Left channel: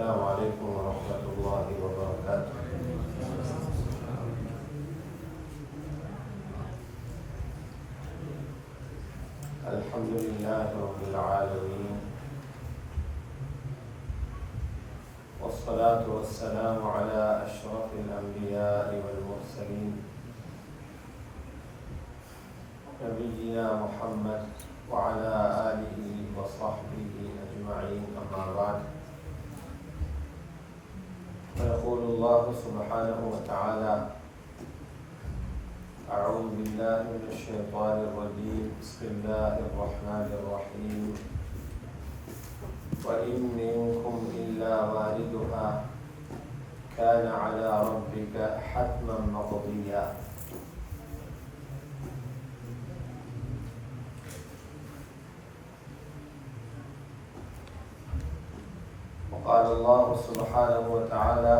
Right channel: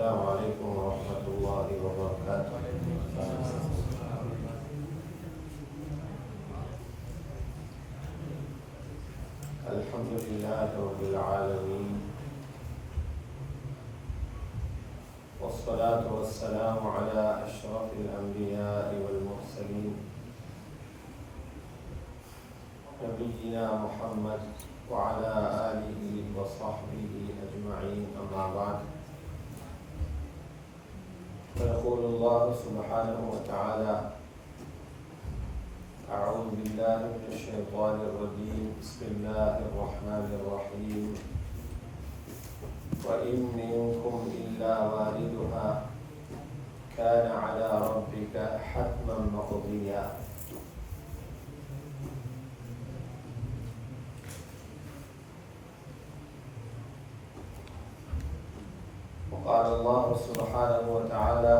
السلام عليكم ورحمة الله وبركاته. الحمد لله رب العالمين، والصلاة والسلام على أشرف الأنبياء والمرسلين نبينا محمد وعلى آله وصحبه أجمعين، أما بعد. فيقول الله سبحانه وتعالى: أعوذ بالله من الشيطان الرجيم، بسم الله الرحمن الرحيم. وإن منكم إلا واردها كان على ربك حتما مقضيا. وقال الله سبحانه وتعالى:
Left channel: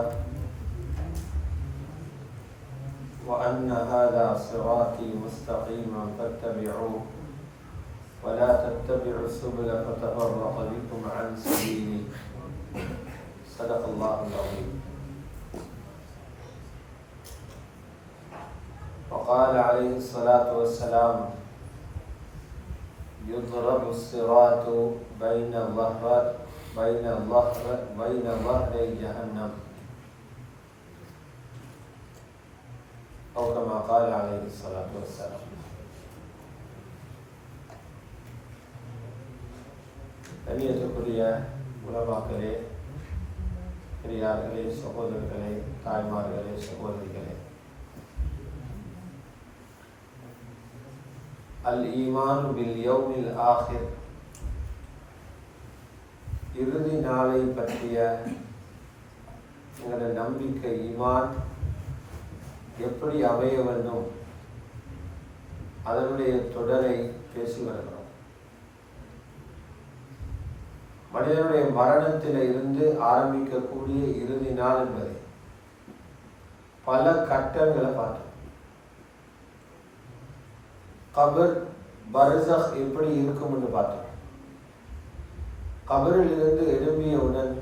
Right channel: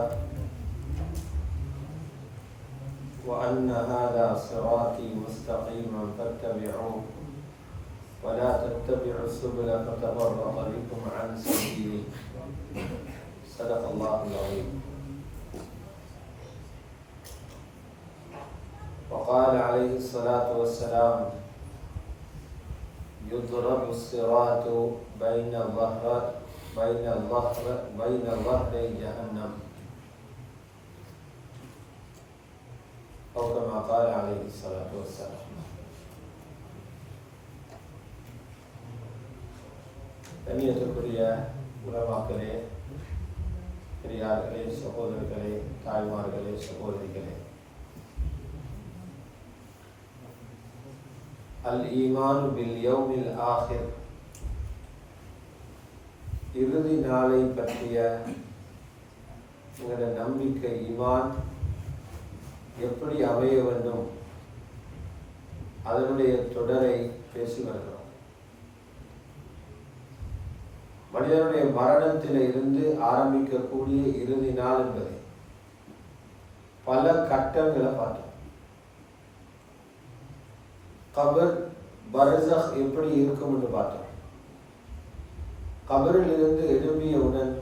وأن هذا صراطي مستقيما فاتبعوه ولا تتبعوا السبل فتفرق بكم عن سبيله. صدق الله العظيم. وقال عليه الصلاة والسلام: يضرب الصراط بين ظهري جهنم، أو كما قال عليه الصلاة والسلام. கண்ணியத்திற்குரிய உலமாக்களே, பெரியார்களே, சகோதரர்களே, தாய்மார்களே, சகோதரிகளே, அல் ஈமான் பில் யௌமில் ஆஹிர், இறுதி நாளை பற்றிய எங்களது நம்பிக்கை, ஈமான் எப்படி அமைய வேண்டும், அதனுடைய தொடரை பேசி வருகிறோம். மனிதனுடைய மரணத்தில் இருந்து ஆரம்பிக்கக்கூடிய இறுதி நாள் என்பதை பல கட்டங்களை பார்த்தோம். கபர், பர்ஸக் எப்படி இருக்கும் என்று பார்த்தோம். கபரில் இருந்து எழும்பியவுடன்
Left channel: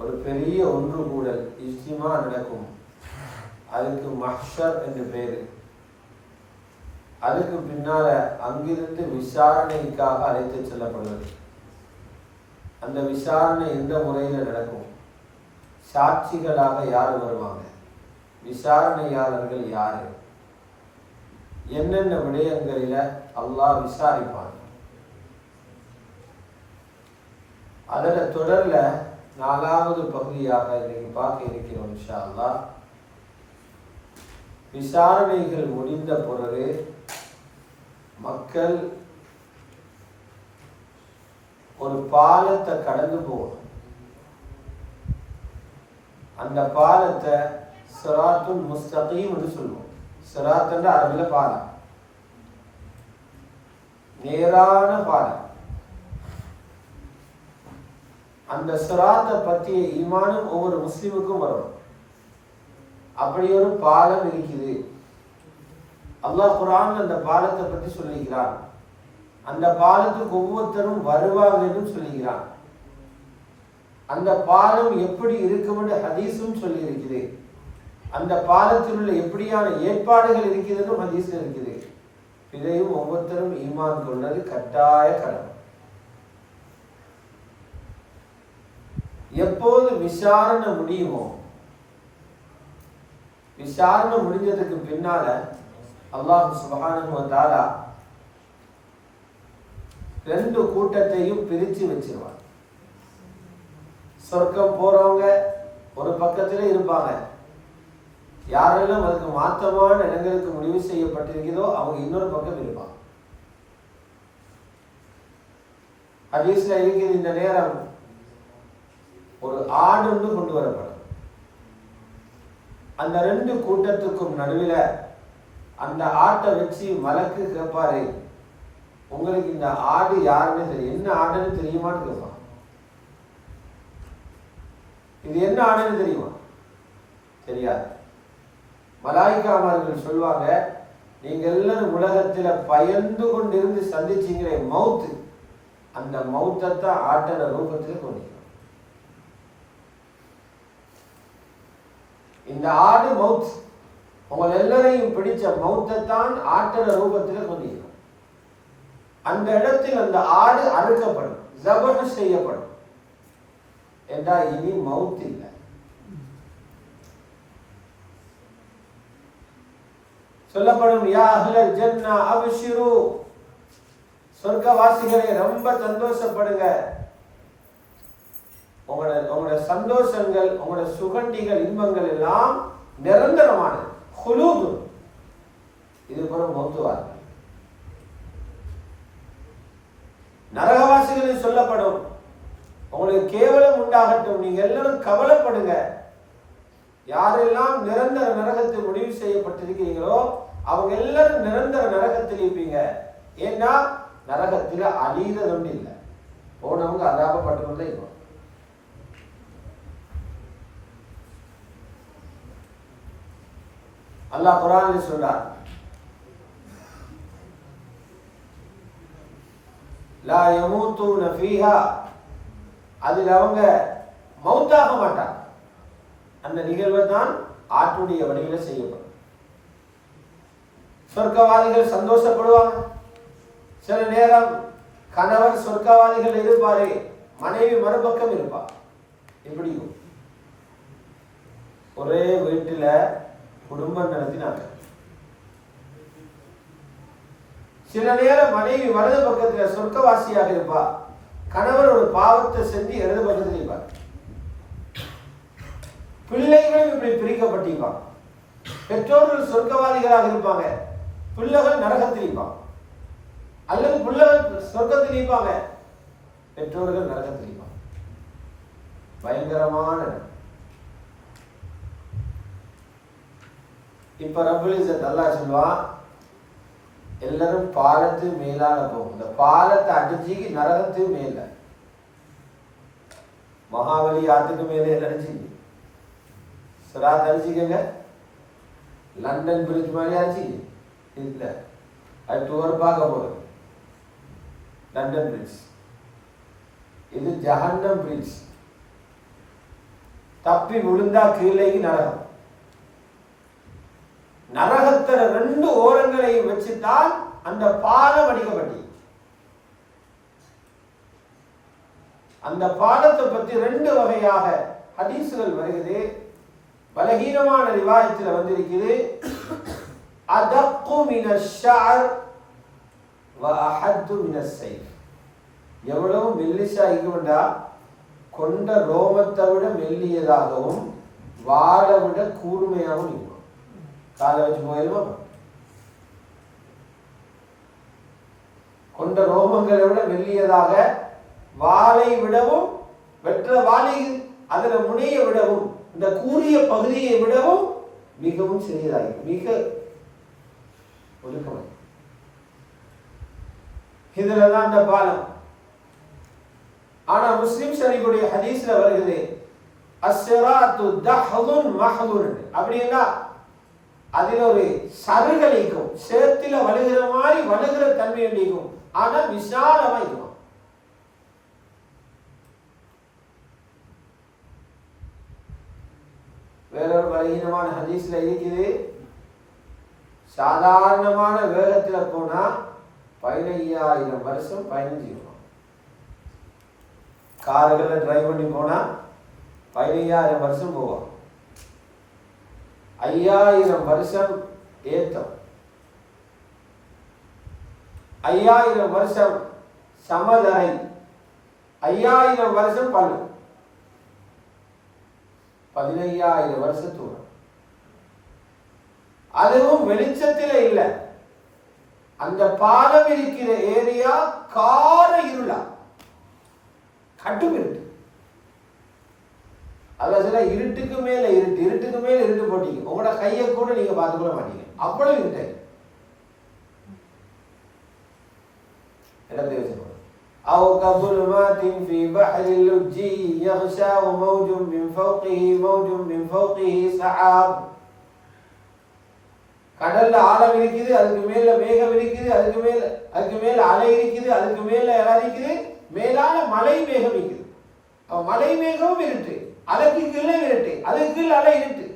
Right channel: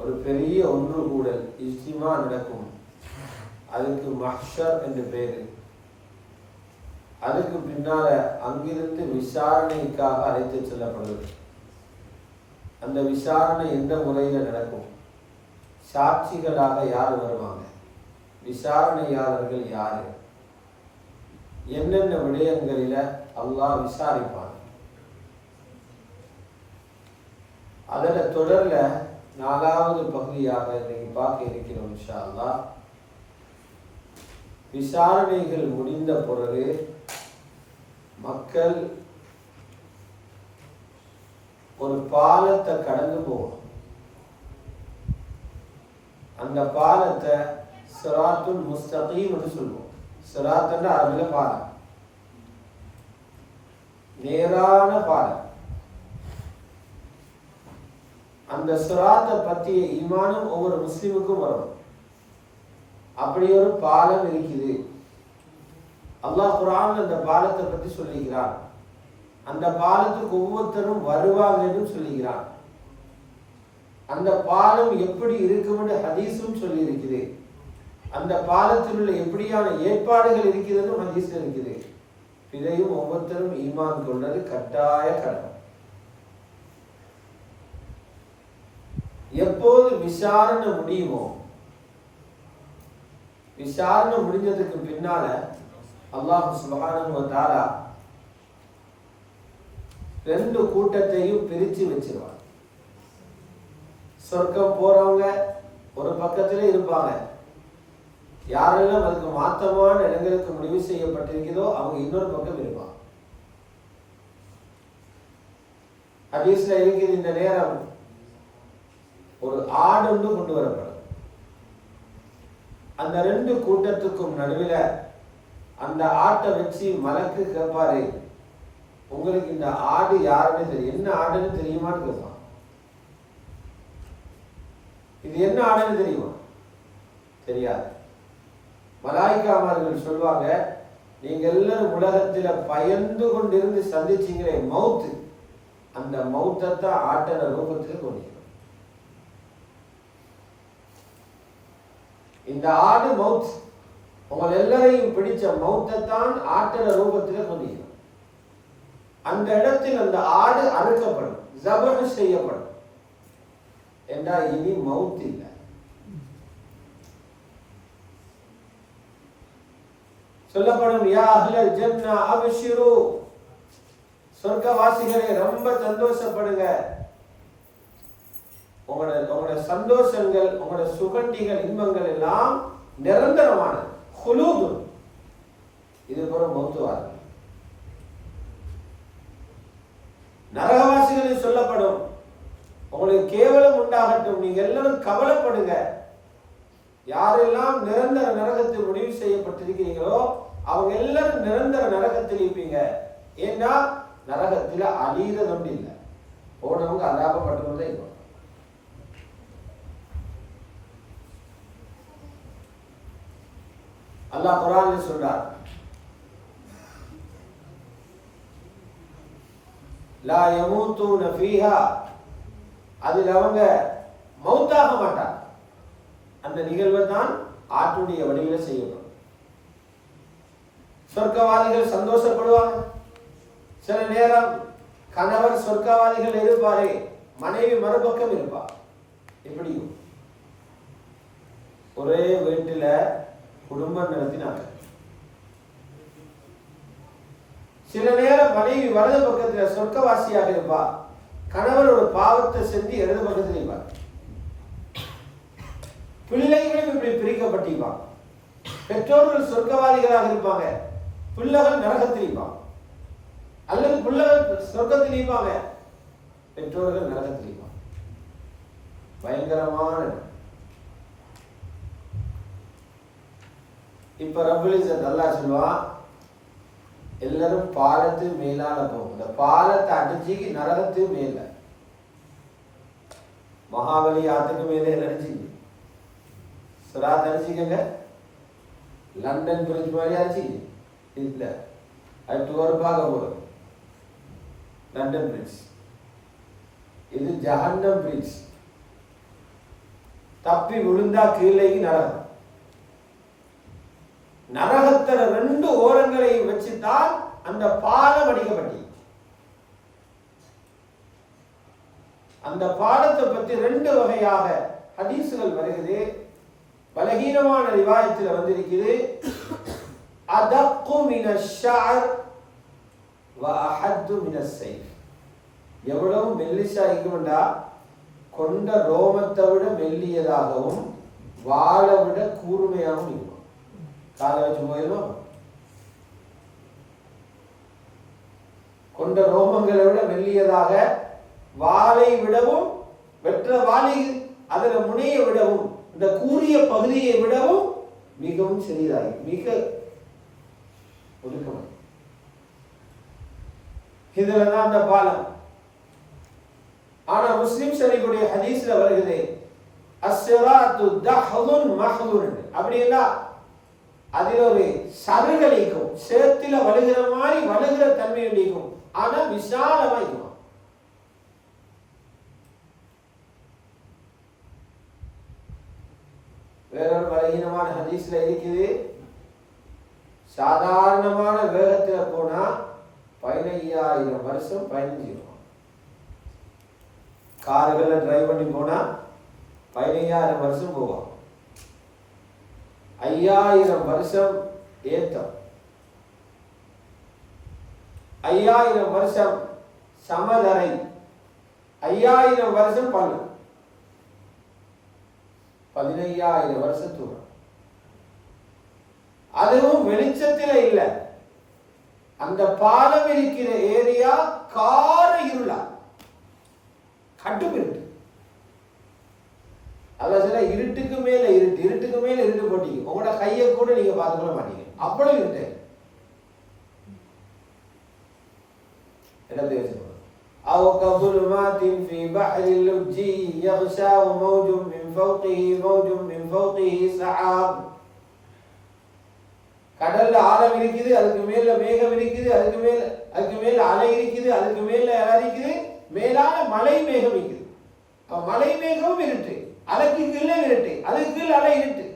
ஒரு பெரிய ஒன்று கூடல், இஜ்திமா நடக்கும். அதுக்கு மஹ்ஷர் என்று பெயர். அதுக்கு பின்னால அங்கிருந்து விசாரணைக்காக அழைத்து செல்லப்படுவது. அந்த விசாரணை எந்த முறையில் நடக்கும்? சாட்சிகளாக யார் வருவாங்க? விசாரணையாளர்கள் யாரு? என்னென்ன விடயங்களில அல்லாஹ் விசாரிப்பான்? அதில் தொடர்ல 4வது பகுதியாக இன்னைக்கு பார்க்க இருக்கிறோம் இன்ஷா அல்லாஹ். விசாரணைகள் முடிந்த பிறகு மக்கள் ஒரு பாலத்தை கடந்து போகணும். அந்த பாலத்தை சிராத்துல் முஸ்தகீம் என்று சொல்லுவோம். சிராத் என்ற அரபில பாலம், நேரான பாலம். அந்த சிராத்தை பற்றிய ஈமானும் ஒவ்வொரு முஸ்லிமுக்கும் வரணும். அப்படி ஒரு பாலம் இருக்குது. அல்லாஹ் குர்ஆன்ல அந்த பாலத்தை பற்றி சொல்லிக்கிறான். அந்த பாலத்துக்கு ஒவ்வொருத்தரும் வருவாங்கன்னு சொல்லிக்கிறான். அந்த பாலம் எப்படி இருக்கும் என்று ஹதீஸும் சொல்லி இருக்குது. அந்த பாலத்தில் உள்ள எப்படியான ஏற்பாடுகள் இருக்கிறதுன்னு ஹதீஸ் இருக்குது. இதையும் ஒவ்வொருத்தரும் ஈமான் கொண்டது கட்டாய கடமை. எப்போது விசாரணை முடியுமோ, விசாரணை முடிஞ்சதுக்கு பின்னால அல்லாஹ் சுப்ஹானஹு வ தஆலா 2 கூட்டத்தையும் பிரிச்சு வச்சிருவார். சொர்க்கம் போறவங்க ஒரு பக்கத்துல இருப்பாங்க. யாரெல்லாம் அதுக்கு மாற்றமான இடங்களுக்கு முடிவு செய்யப்பட்டிருக்கிறதோ அவங்க இன்னொரு பக்கம் இருப்பாங்க. ஹதீஸ்ல இருக்குது, இந்த நேரம் ஒரு ஆடு ஒன்று கொண்டு வரப்படும். அந்த 2 கூட்டத்துக்கும் நடுவில் அந்த ஆட்டை வச்சு மலக்கு கேட்பாரு, உங்களுக்கு இந்த ஆடு யாருன்னு தெரியும், என்ன ஆடுன்னு தெரியுமான்னு கேட்பான். இது என்ன ஆடுன்னு தெரியுமா? தெரியாது. மலாய்க்காமார்கள் சொல்வாங்க, நீங்க எல்லாரும் உலகத்துல பயந்து கொண்டிருந்து சந்திச்சீங்களே மவுத்து, அந்த மௌத்தத்தை ஆட்டன ரூபத்தில் கொண்டிருக்கிறோம். இந்த ஆடு மவுத், உங்கள் எல்லாரையும் பிடிச்ச மௌத்தை தான் ஆட்டட ரூபத்தில் கொண்டிருக்கிறோம். அந்த இடத்தில் அந்த ஆடு அறுக்கப்படும், ஜபஹ் செய்யப்படும் என்றால் இனி மவுத் இல்லை. சொல்லப்படும் யா அஹ்லல் ஜன்னா அப்ஷிரு, சொர்க்கவாசிகளே ரொம்ப சந்தோஷப்படுங்க. உங்களோட சந்தோஷங்கள், உங்களோட சுகண்டிகள், இன்பங்கள் எல்லாம் நிரந்தரமான ஹுலூது. இது போல மௌத்துவார். நரகவாசிகளில் சொல்லப்படும் உங்களுக்கு கேவலம் உண்டாகட்டும், நீங்க எல்லாரும் கவலைப்படுங்க. யாரெல்லாம் நிரந்தர நரகத்தில் முடிவு செய்யப்பட்டிருக்கிறீங்களோ அவங்க எல்லாரும் நிரந்தர நரகத்தில் இருப்பீங்க. ஏன்னா நரகத்தில் அழிகிறது ஒன்று இல்லை, போனவங்க அதாபப்பட்டு கொண்டே இருக்கும். அல்லாஹ் குர்ஆனில் சொல்றார், லா யமூதுன ஃபீஹா, அதில் அவங்க மௌத்தாக மாட்டாங்க. அந்த நிகழ்வு தான் ஆட்டுடைய வடிவில் செய்யப்படும். சொர்க்கவாதிகள் சந்தோஷப்படுவாங்க. சில நேரம் கணவர் சொர்க்கவாதிகள் இருப்பாரே, மனைவி மறுபக்கம் இருப்பார். எப்படியும் ஒரே வீட்டில் குடும்பம் நடத்தினாங்க. சில நேரம் மனைவி வலது பக்கத்தில் சொர்க்கவாசியாக இருப்பா, கணவர் ஒரு பாவத்தை செஞ்சு இடது பக்கத்தில் இருப்பார். பிள்ளைகளும் இப்படி பிரிக்கப்பட்டிருப்பாங்க. பெற்றோர்கள் சொர்க்கவாதிகளாக இருப்பாங்க, பிள்ளைகள் நரகத்தில் இருப்பாங்க. அல்லது பிள்ளைகள் சொர்க்கத்தில் இருப்பாங்க, பெற்றோர்கள் நரகத்தில் இருப்பாங்க. பயங்கரமான. இப்ப ரப்புல் இஸ்ஸத் அல்லாஹ் சொல்லுவான், எல்லாரும் பாலத்து மேலான போகும். இந்த பாலத்தை அடிச்சு நரகத்து மேல, மகாபலி ஆத்துக்கு மேலே அடிச்சு சிராத் அடிச்சுக்கங்க. லண்டன் பிரிட்ஜ் மாதிரி அடிச்சுங்க இல்ல, அது டூர் பார்க்க போகுது. லண்டன் பிரிட்ஜ், இது ஜஹன்னம் பிரிட்ஜ். தப்பி விழுந்தா கீழே நரகம். நரகத்தோட ரெண்டு ஓரங்களை வச்சுதான் அந்த பாலம் அடிக்கப்பட்டி. அந்த பாலத்தை பற்றி ரெண்டு வகையாக ஹதீசுகள் வருகிறது. பலகீனமான ரிவாயத்தில் வந்திருக்குது, அதக்கு மினஷ் ஷஅர் வ அஹத்து மினஸ் ஸைஃப். எவ்வளவு மெல்லிசா இருக்கும்டா, கொண்ட ரோமத்தை விட மெல்லியதாகவும் வாளை விட கூர்மையாகவும் இருக்கும். காலை வச்சு போயிருமா, கொண்ட ரோமங்களை விட மெல்லியதாக, வாளை விடவும், வெற்ற வாளை அதன முனையை விடவும், இந்த கூறிய பகுதியை விடவும் மிகவும் சிறியதாகி, மிக ஒதுக்கமாக. இதுலதான் அந்த பாலம். ஆனா முஸ்லிம் ஷரீஃபுடைய ஹதீஸ்ல வருகிறது, அஸ்ஸிராத்து தஹ்துன் மஹ்துன். அப்படின்னா அதில் ஒரு சருகலைக்கும், சேத்துல வழுகிற மாதிரி வழுகிற தன்மை அடிக்கும். ஆனா விசாலமா இருக்கும். வேறொரு பலகீனமான ஹதீஸ்ல இருக்குது, சாதாரணமான வேகத்தில் போனா 15,000 வருஷம் 15 கார்களை டிரைவ் பண்ணி போனா 15,000 வருஷம் போவோம். 5,000 வருஷம் ஏத்தம், 5,000 வருஷம் சமதரை, 5,000 வருஷம் பல்லு, 15,000 வருஷம் தூரம். அதுவும் வெளிச்சத்தில இல்ல. அந்த பாலம் இருக்கிற ஏரியா கார இருளா, கட்டும் இருட்டு. அதான் இருட்டுக்கு மேல இருட்டு, இருட்டுக்கு மேல இருட்டு போட்டீங்க, உங்களோட கையை கூட நீங்க பார்த்துக்கொள்ள மாட்டீங்க, அவ்வளவு இருட்டு. இடத்தை வச்சு أو كظلمات في بحر اللجي يغشاه موج من فوقه موج من فوقه سحاب. கடல்ல ஆழம் இருக்குது, அதுக்கு மேல மேகம் இருக்குது, அதுக்கு மேல அலை இருக்குது, அதுக்கு மேல இருக்குது, மேலான மலை மேகம் இருக்குது. மலை மேகமும் இருட்டு, அலைக்கு கீழே இருட்டு, அதுக்கு கீழே அலை இருட்டு.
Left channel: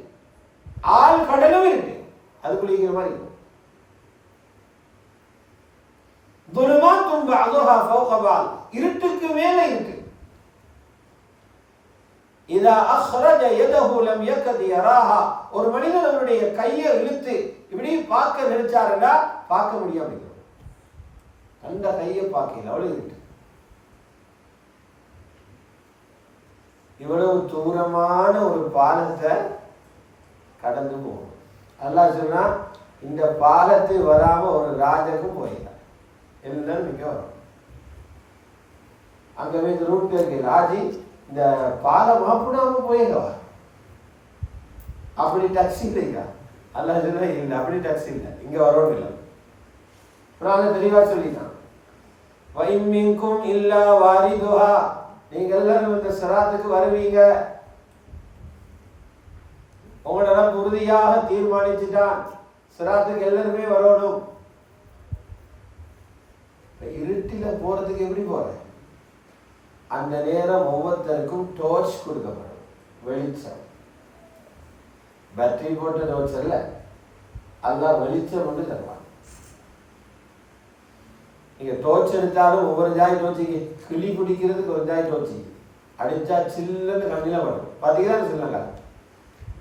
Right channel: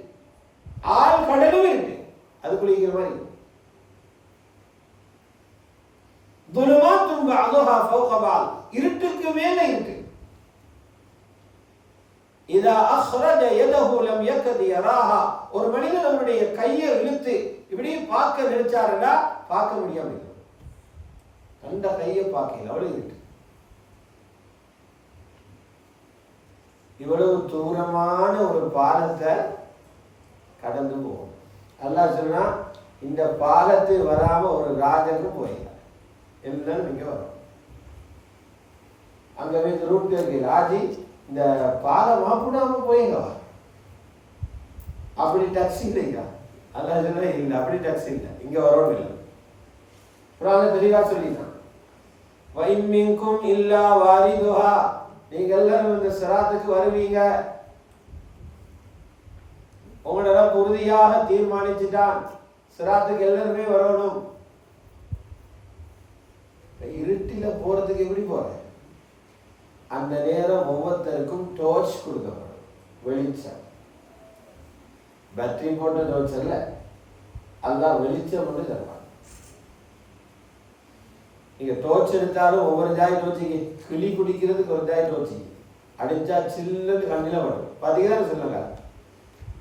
ஆள் கடலும் இருக்கு, அது குளிக்கிற மாதிரி இருக்கும். துலுமாத்தும் பஅதுஹா ஃபௌக பஅத், இருட்டுக்கு மேல இருக்கு. இதா அஹ்ரஜ யதஹு லம் யகத் யராஹா, ஒரு மனிதன் அவருடைய கையை இழுத்து இப்படி பார்க்க நினைச்சாருன்னா பார்க்க முடியாம இருக்கும். அந்த கையை பார்க்கல, அவ்வளவு இருக்கு. இவ்வளவு தூரமான ஒரு பாலத்தை கடந்து போகும். அல்லாஹ் சொன்னா இந்த பாலத்தை வராம ஒரு ராஜாக்கு போயிடலாம், எல்லாம் நீங்க வரும். அங்க வந்து ரூட் இருக்கு, ராஜி இந்த பாலம் மாப்பிடாம போயிடவா, அப்படி டாக்ஸி இல்லையா? அல்லாஹ் சொன்னா இல்லை, அப்படி டாக்ஸி இல்லை, இங்க வரவும் இல்லை. அப்புறம் தெளிவா சொல்லிட்டான், வஇன் மின்கும் இல்லா வாரிதுஹா, நீங்க எல்லாரும் இந்த சிராத்துக்கு வருவீங்க. உங்களோட உறுதியாக தீர்மானிச்சுட்டான் சிராத்துக்கு எல்லாருமே வரணும். இருட்டில போறதுக்கு எப்படி போற? அந்த நேரம் ஒவ்வொருத்தருக்கும் டோர்ச் கொடுக்கப்படும், வெளிச்சம். பேட்டரி போட்ட டோர்ச் அல்ல, அல்லாஹ் வெளிச்சம் கொண்டு தருவான். நீங்க டோர்ச் எடுத்தாலும் ஒவ்வொரு ஜாய் டோர்ச்சிக்கு, கிளி குடிக்கிறதுக்கு ஒரு ஜாய் டோர்ச்சிக்கு அடிச்சா சில்லுன்னு கண்ணில வரும். பார்த்தீங்கன்னா சொல்லுங்க,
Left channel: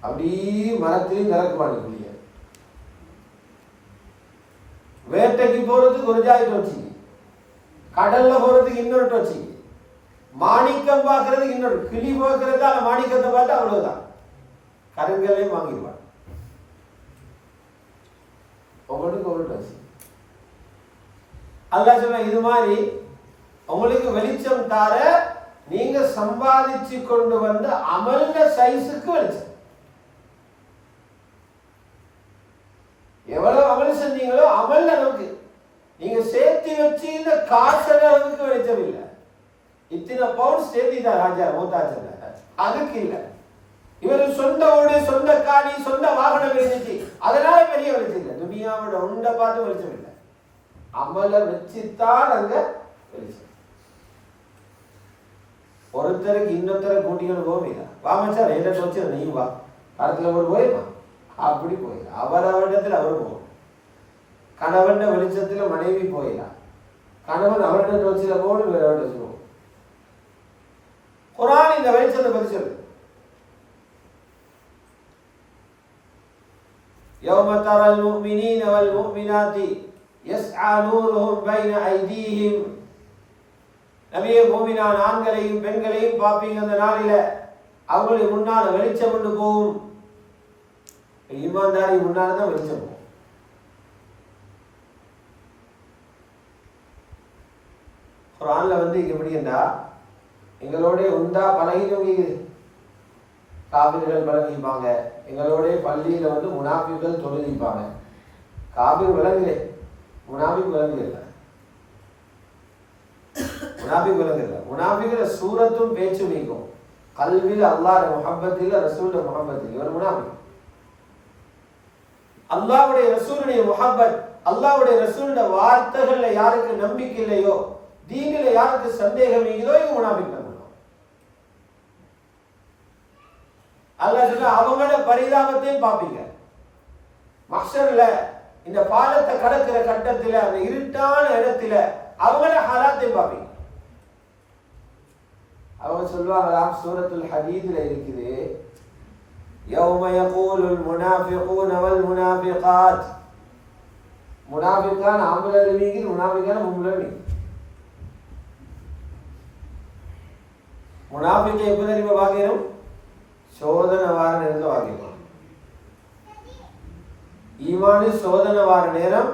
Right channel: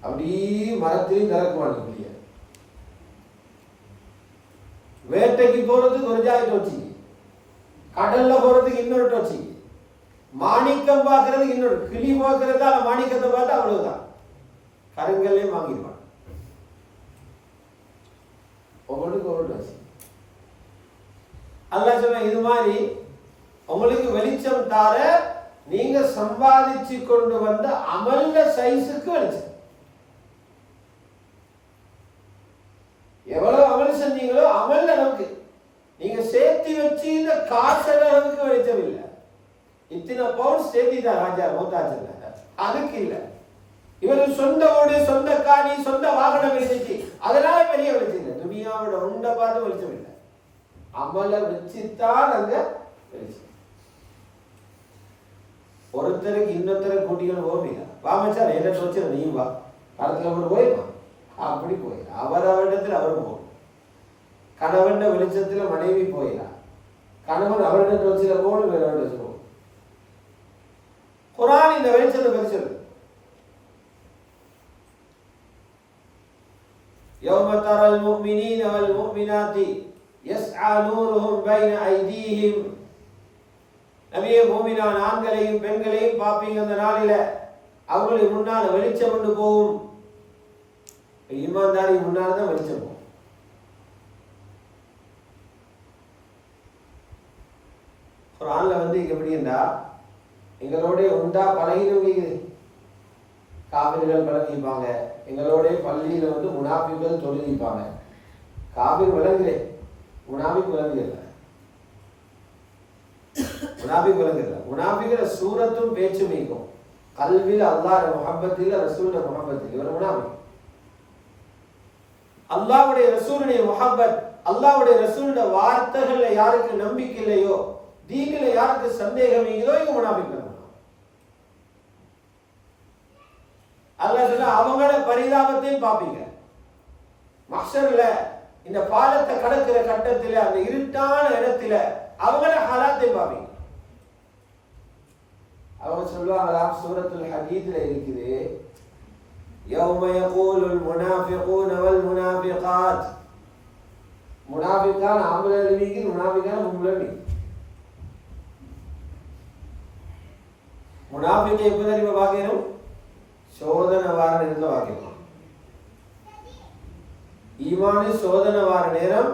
அப்படியே மரத்திலையும் திறக்க மாட்டேன் கிளிய. வேட்டைக்கு போறதுக்கு ஒரு ஜாய் டோர்ச்சிக்கு, கடல்ல போறதுக்கு இன்னொரு டோர்ச்சிக்கு, மாணிக்கம் பார்க்கறதுக்கு இன்னொரு, கிளி பார்க்கறதா அந்த மாணிக்கத்தை பார்த்து அவ்வளவுதான், கருங்கல்லே வாங்கிடுவான். ஒவ்வொன்றுக்கு ஒவ்வொரு டோர்ச்சி. அல்லாஹ் சொல்ல இது மாதிரி உங்களுக்கு வெளிச்சம் தார, நீங்க சம்பாதிச்சு கொண்டு வந்த அமல்ல சைஸுக்கு வெளிச்சம். எவ்வளவு அமல் செஞ்சீங்களோ அமல் அளவுக்கு, நீங்க சேர்த்து வச்சு இந்த காசு அளவுக்கு வெளிச்சம் இல்லை. இத்தனை பவுண்ட் சேர்த்திதான் ராஜா மோதாச்சல்ல, அதுக்கு இல்லை. இவர் சொந்த ஊடு, சொந்த காணி, சொந்த வாகனம் இருந்துச்சு, அதனால பெரிய வெளிச்சம் இல்லை. துனியாவோட உண்டை பார்த்து வெளிச்சம் இல்லை, அமலை வச்சுத்தான் அங்க வெளிச்சம். ஒருத்தருக்கு இன்னொருத்தரை கூட்டிக்கணும் போவீங்க, வாமச்சா என்ன வச்சு நீ வா, காலத்துல கூட போயிடுவான். அப்படி போயிடலாம், அவரிடத்தில் அவர் போகும். கணவன் வெளிச்சத்துல மனைவி போயிடலாம், கணவன் அவரிட வச்சுல போகணும், வேற வச்சு போகும். குர்ஆன் இந்த வெளிச்சத்தை பற்றி சொல்லு. யௌம தரல் முஃமினீன வல் முஃமினாத்தி யஸ்ஆ நூருஹும் பைன ஐதீஹிம், நபியே மூமினான ஆண்களையும் பெண்களையும் பார்ப்பீங்க அந்த நாளில, அவங்களுக்கு முன்னால வெளிச்சம் கொண்டு போகும். ஈமான்தாரி முன்னால தான் வெளிச்சம் போகும். குர்ஆன்ல எப்படின்னா, எங்களோட உண்டா பழகினவங்க காபிர்கள் பழகிப்பாங்க, எங்களோட பள்ளியில முனாஃபிகள் தொழுகிப்பாங்க. காபிர் விளங்குலே, முனாஃபிக் விளங்குல, முனாஃபிக் விளங்குல. முனாஃபிக்ல சூரத்தும் பேச்சு நீக்கும், கல்வியில் அல்லாஹ் முஹப்பத்தில் ரசூல் முஹப்பத்தில், இவர் முனாஃபிக். அல்லாஹ்வுடைய ரசூலுடைய முஹப்பத், அல்லாஹ்வுடைய ரசூலுடைய வார்த்தைகள்ல யாருக்கு நம்பிக்கை இல்லையோ, தீனில யாருக்கு சந்தேகம் இருக்குதோ, இவங்க முனாஃபிக் தான். அல்லாஹ் சொல்ல அவங்களோட பரிதாபத்தையும் பார்ப்பீங்க. மஹ்ஷர்ல இந்த பாலத்தை கடக்கிற கட்டத்தில், அந்த இருட்டான இடத்துல அவங்களோட ஹாலாத்தையும் பார்ப்பீங்க. அவங்க சொல்லுவாங்களாம், சூரத்துல் ஹதீத்ல இருக்குது, யௌம யகூலுல் முனாஃபிகூன வல் முனாஃபிகாத், முனாஃபிகான் ஆம்பளை மீகி, முனாஃபிகான் பொம்பளை மீகி. முனாஃபிகை எப்போ தெரியுமா பார்க்கணும்? சோதனை வார நேரத்தில் பார்க்கணும். ஈமானு சோதனை வார நேரம்,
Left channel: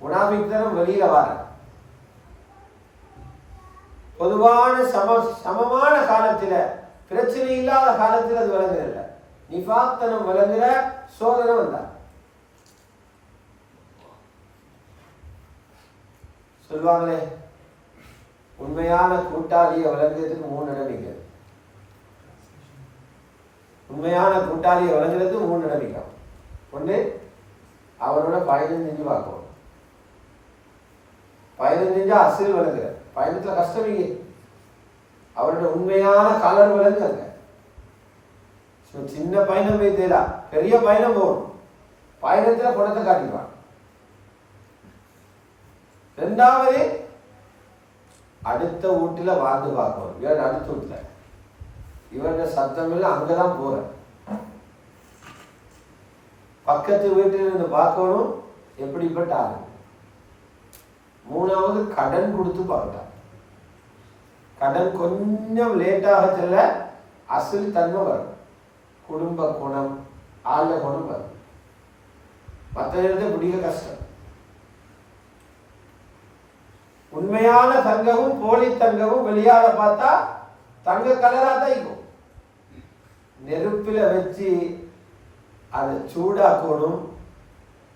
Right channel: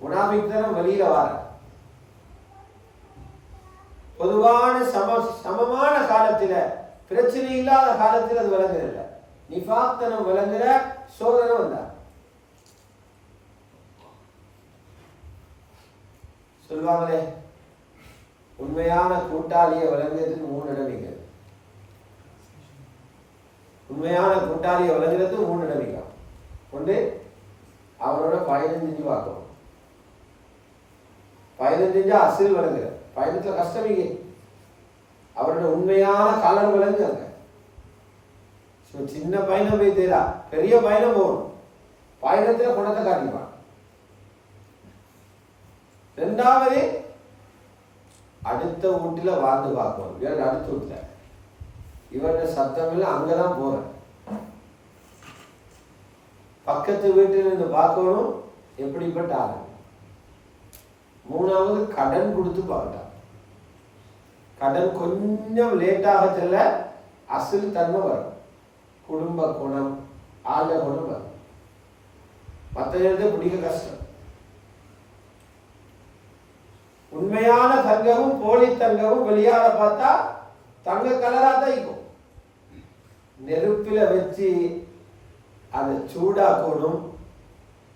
முனாஃபிக் தரம் வெளியில வார. பொதுவான சமமான காலத்தில், பிரச்சனை இல்லாத காலத்தில் அது விளங்குறதில்ல. நிஃபாக்தனம் விளங்குற சோதனை வந்தா சொல்லுவாங்களே, உண்மையான கூட்டாளியை விளங்குறதுக்கு 3 நடவடிக்கை. உண்மையான கூட்டாளியை விளங்குறதுக்கு 3 நடவடிக்கை. ஒன்று, அவரோட பயணம் செஞ்சு பார்க்கணும். பயணம் செஞ்சா அசில் விளங்குற, பயணத்துல கஷ்டம் இங்கே. அவரோட உண்மையான கலர் விளங்குங்க. சின்ன பயணம் போய் தேடா, பெரிய பயணம் போகணும். பயணத்தில் குணத்தை காட்டிடுவான். ரெண்டாவது, அடுத்த வீட்டில் வாழ்ந்து பார்க்கணும். இவன் அடுத்த வீட்டில் இவருடைய சத்தம் இல்லை, அங்கதான் போறேன். பக்கத்து வீட்டில் இருந்து பார்க்கணும் எப்படிப்பட்ட ஆளு. மூணாவது, கடன் கொடுத்து பார்க்கலாம். கடன் கொஞ்சம் லேட்டாக செல்ல அசல் தன்மை வரும். குடும்ப குணம், ஆழ குணம் வரும். மற்ற இடத்தை பிடிக்க கஷ்டம். உண்மையான தங்கமும் போலி தங்கமும் வெளியால பார்த்தா தங்க கலரா தான் இருக்கும். நெருப்பில வச்சு அதை சூடாக்கணும்.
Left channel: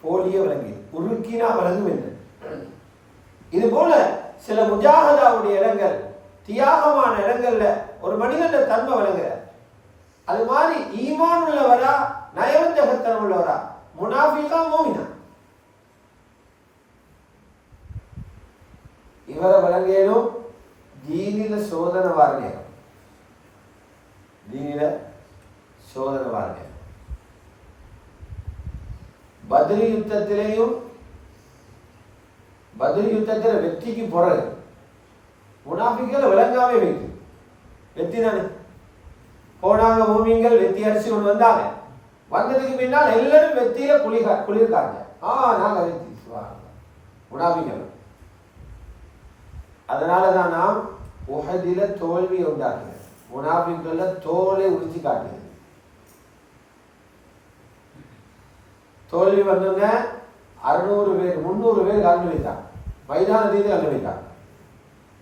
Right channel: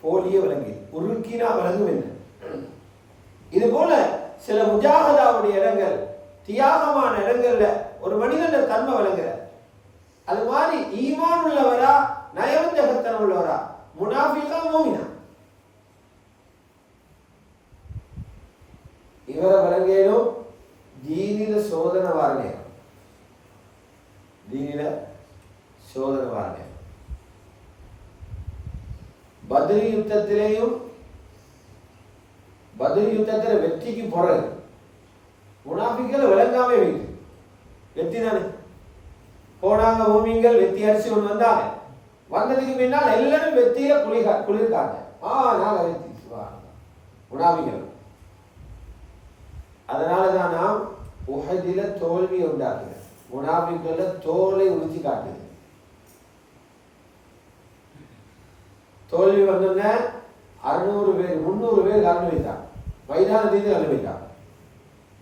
போலிய விளங்கி உருக்கினா விளங்கும் என்ன. இது போல சில முஜாஹதாவுடைய இடங்கள், தியாகமான இடங்கள்ல ஒரு மனிதன் தன்மை விளங்குற. அது மாதிரி ஈமான் உள்ளவரா, நயவஞ்சகத்தனம் உள்ளவரா, முனாஃபிகா மூமினா, இவரை விளங்கேனும் தீனில சோதனை வாரணே. தீனில சோதனை வாரணே. பத்ரி யுத்தத்திலேயும், பத்ரி யுத்தத்தில் வெற்றிக்கு பிறகு முனாஃபிக்களை விளங்காமே வைத்து வெற்றி தானே போனாங்க. மூமின்கள் வெற்றி அடிச்சு கொண்டு வந்தாங்க. வந்ததுக்கு பின்னால் எல்லாரும் வெற்றியில குளிர்காங்க. நாங்க வெற்றி முனாஃபிக்கள். அதனாலதான் நாம் உஹதில தோல்வியை உண்டாக்குது. முனாஃபிக்கள தோலை உரிச்சு காட்டுது. தோல்வி வந்தோடனே 600 பேர் 300 பேர் கலந்து வைத்தாங்க. மைதானத்திலிருந்து கலந்து வைத்தாங்க.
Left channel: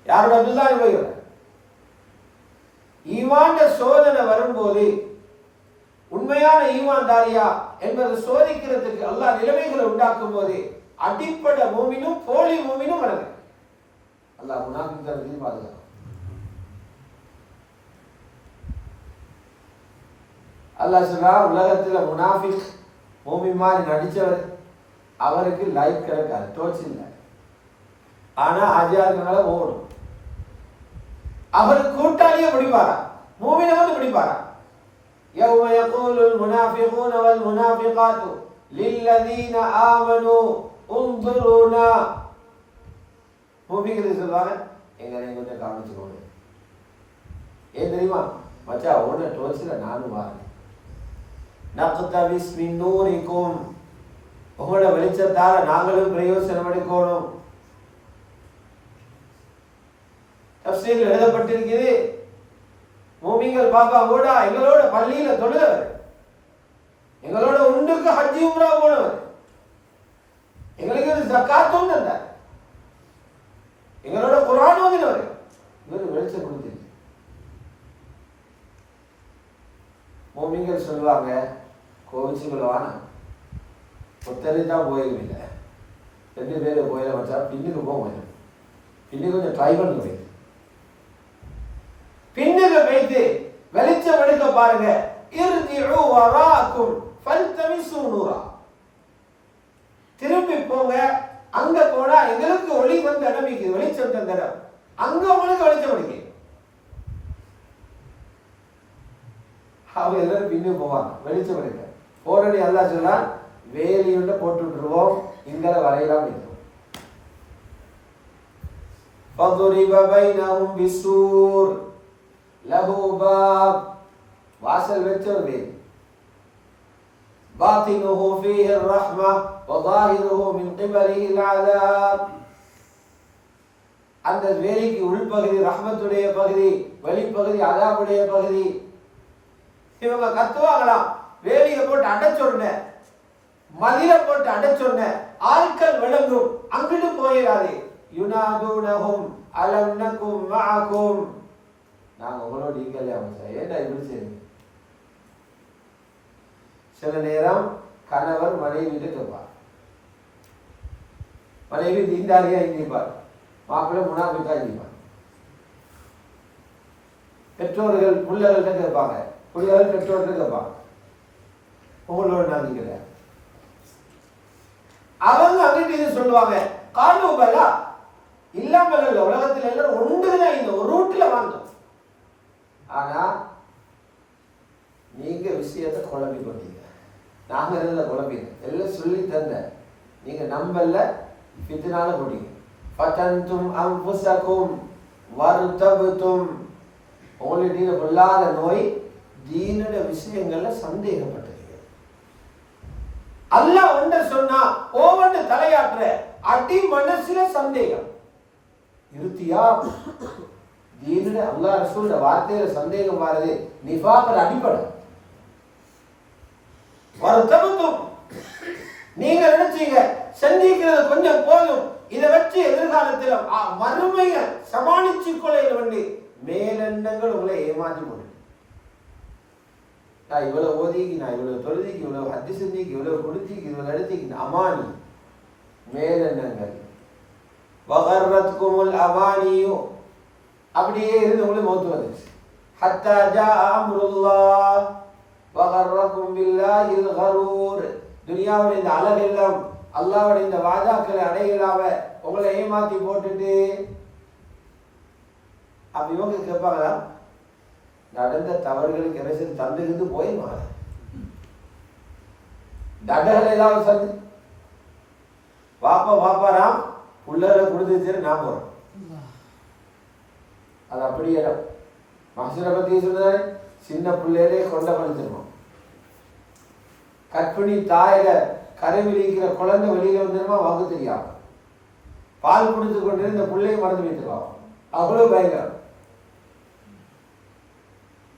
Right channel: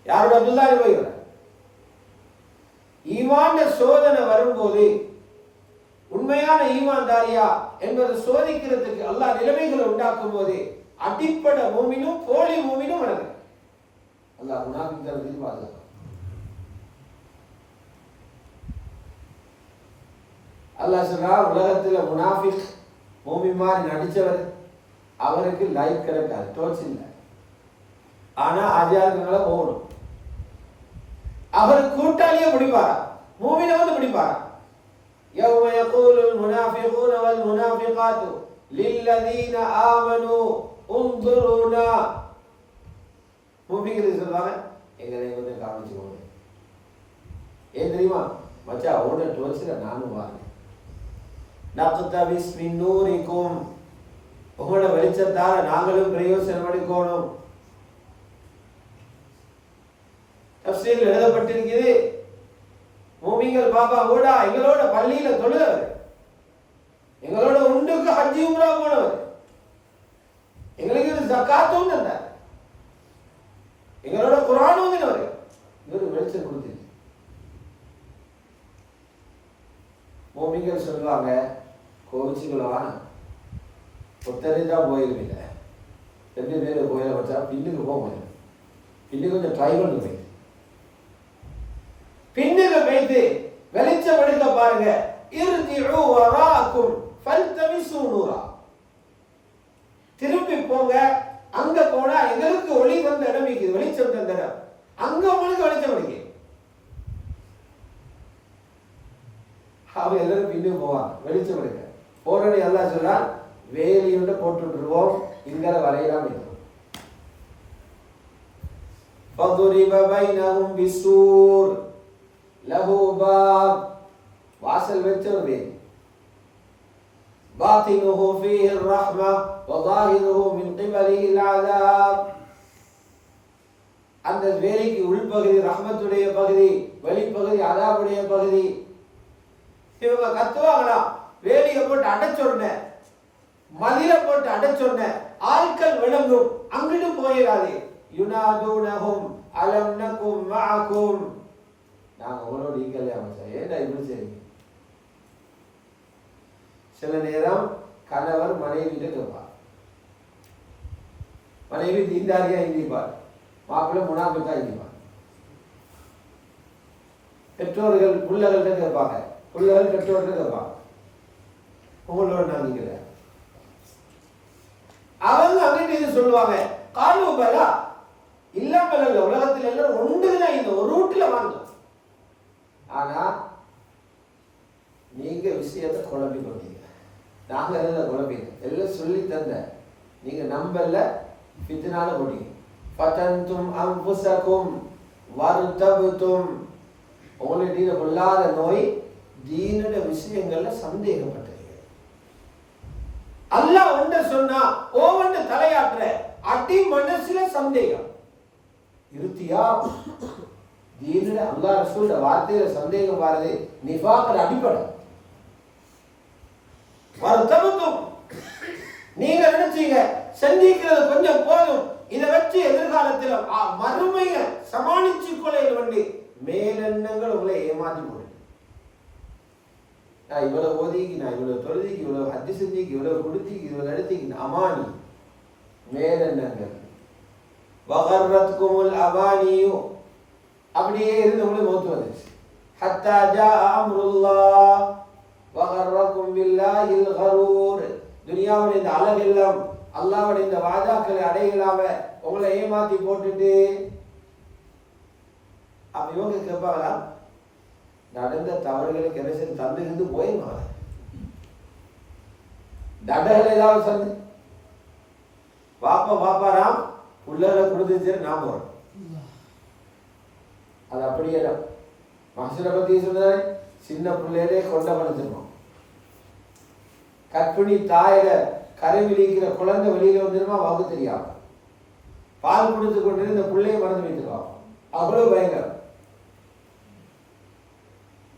யாரோட அப்துல்லாஹி போய் ஈமான் சோதனை வரும்போது உண்மையான ஈமான்தாரியா என்பதை சோதிக்கிறதுக்கு அல்லாஹ் நிலைமைகளை உண்டாக்கும் போது அடிப்படை மூமினும் போலி மூமினும் வளர்க்க அல்லாஹ் முனாஃபிக்களை பாதுகாக்கும். அல்லாஹ் சொல்றா, உலகத்துல முனாஃபிக் மூமின் மாதிரி நடிச்சவர் அவருக்கு லைக் கிடைக்காது, டோச் இல்லை. ஆனா ஆஜியார்களால போகணும். அவர் கூட்டாளியே பிடிப்பாரா, மூமினை வந்து பிடிப்பாரா. يوم يقول المنافقون والمنافقات للذين آمنوا انظرونا. மூமின்கள் சொல்வாங்க, எங்களை கொஞ்சம் கவனிச்சுக்கோங்க. ஏன் தெரியுமா மச்சா, ஓட டோச்சில் நானும் வாங்க. நக்தபிஸ் மின் நூரிக்கும், உங்களோட வெளிச்சத்தால நாங்களும் பிரயோசனம் எடுக்கணும். தஃசீரில் எழுதப்பட்டிருக்கிறது, மூமின்கள் பாப்பா கூட எங்களோட பள்ளியில தொழுதவர், எங்களோட உண்டுக்கு ஹஜ்ஜி உம்ரா போனவர், எங்களுக்கு ஜக்காத்தும் தந்தார், எங்களோட குர்ஆன் ஓதினவர். இவர் வெளிச்சம் கொடுத்து மூமின்கள் சொல்லுவாங்க, கோவிச்சுக்குள்ளவான ஒத்தரை தான் போயிருவில்லை, 2 பேர் போயிட வச்சா பின்னுக்கு போக, பின்னுக்கு கொஞ்சம் ட்ரை பண்ணி போய் பின்னுக்கு போய்த்து வெளிச்சம் எடுக்க பாருங்க. இர்ஜிஉ வராக்கும் ஃபல்தமிசு நூரா. திரும்பி போங்க, அங்க போனா எங்களுக்கு ஒளி வந்த இடம் இருக்குது, வெளிச்சம் தந்த இடம், அங்க உங்களுக்கு வெளிச்சம் அடிக்கு. அவங்க எல்லாரும் பின்னு போவாங்க வெளிச்சம் எடுக்க. போறடி அல்லாஹ் சொல்றான், வேலியுண்ட போட்டு விட்டுருவோம், இங்கல வரையலாம் இருக்கும். فَضُرِبَ بَيْنَهُمْ بِسُورٍ لَهُ بَابٌ. வாசல் வச்சது, باطنه فيه الرحمة وظاهره من قبله العذاب. அந்த வேலிக்கு உள்பகுதி ரஹ்மத்துடைய பகுதி, வெளிப்பகுதி அதாபுடைய பகுதி. இவங்க கத்துவாங்களாம், வேலியை போட்டு அடைச்சொன்ன, மதில போட்டு அடைச்சொன்ன ஆட்கள் விளங்கும், அங்கிட்டு போயிடாது. யுனாதூனஹும் அலம் நகும் மஅகும். நாங்க உங்களோட ஈக்கலையா மச்சா, ஏன்டா இப்படி செய்றீங்க? சில நேரம் கணவர் மனைவிட்டு கேட்பார், மனைவி தீண்டாரியா இருந்திருப்பார், மாப்பிள்ளை முனாஃபிக்கா இருந்திருப்பார். பெற்றோர்கள் பிள்ளைகள்கிட்ட கேட்பாங்க, பிள்ளைகள் பெற்றோர்கிட்ட கேட்பாங்க, உங்களோட நம்பிக்கை. அவங்க அங்கிட்டு இது சொல்லுவாங்க, காலூபலா இல்லாமல் இல்லை, உலகத்தில் எல்லாரும் ஒன்றுதான், இந்த ஒரு ரூட்ல வாங்க. ஆனா நீங்க குழம்பி கொண்டீங்க. நாங்கள் எல்லாம் குழம்பிங்க எல்லாம் சொல்லி தந்த நீங்கள் நம்பல ஃபித்னால போட்டீங்க. ஃபதன்தும் அன்ஃபுஸகும் வர்தபதும், உங்களுடைய தீன கொள்ளாத நோய் தீனுடைய விஷயங்கள்ல சந்தேகப்பட்டீங்க. அல்லாஹ் ஒன்று சொன்னா ஒவ்வொன்று தலையாற்ற அடி மனசுல சந்தேகம் இருத்தியா. தீனுடைய அல்லாஹ் ரசூலுடைய வார்த்தையில சந்தேகம் பாருது நிஃபாக்ல அடிப்படை. வர்தபதும், நீங்க நினைச்சீங்க செஞ்சிக்கிறது கொஞ்சம் போதும், இதை வச்சு எதிர்காலத்தில் மறுமையை சமாளிச்சு கொள்ளையில வேண்டி மேலெண்ணங்கள் உங்களை ஏமாற்றி போடு. நான் இவ்வளவு ஓதிக்கு, நான் இவ்வளவு தொழுதிக்கு, இவ்வளவு ஹத்தி செஞ்சிக்கு, இவ்வளவு குடிச்சிக்கு, இவ்வளவு நடத்திக்கு, அமானி மேலெண்ணங்கள். வகர்ரத்குமுல் அவானியோ, அப்படியே இருந்து உங்களுக்கு மௌத்து வந்துச்சு. ஹத்தா ஜா அம்ருல்லாஹ் வகர்ரக்கும் பில்லாஹில் கரூர். துனியாவுடைய இந்த அழகெல்லாம் அல்லாஹ்வுடைய இந்த வாஜாக்களை அடையலாம உங்களை ஏமாத்தி போட்டுட்டு அப்ப இவங்க கேட்பாங்களா, நடந்த தவறுகளுக்கு எரசல் தந்துகிட்டு போயிருமா? தடகள் ஏதாவது சந்து பாப்பாராம் உள்ளர கொடுத்து நான் போறோம். அது அப்படியே மகசூரை பத்தி சொல்ற சின்ன பிள்ளையிலே கொண்ட படுத்துருவோம். கற்பிணி தாயில கருவிலிக்கிற குழந்தை வெளியில வந்துருமா வாங்க தெரியாம பால் கொடுத்து கொண்டு இந்த பிள்ளையை மறந்து வைத்துருவாங்க. அவ்வளவு பயங்கரம்.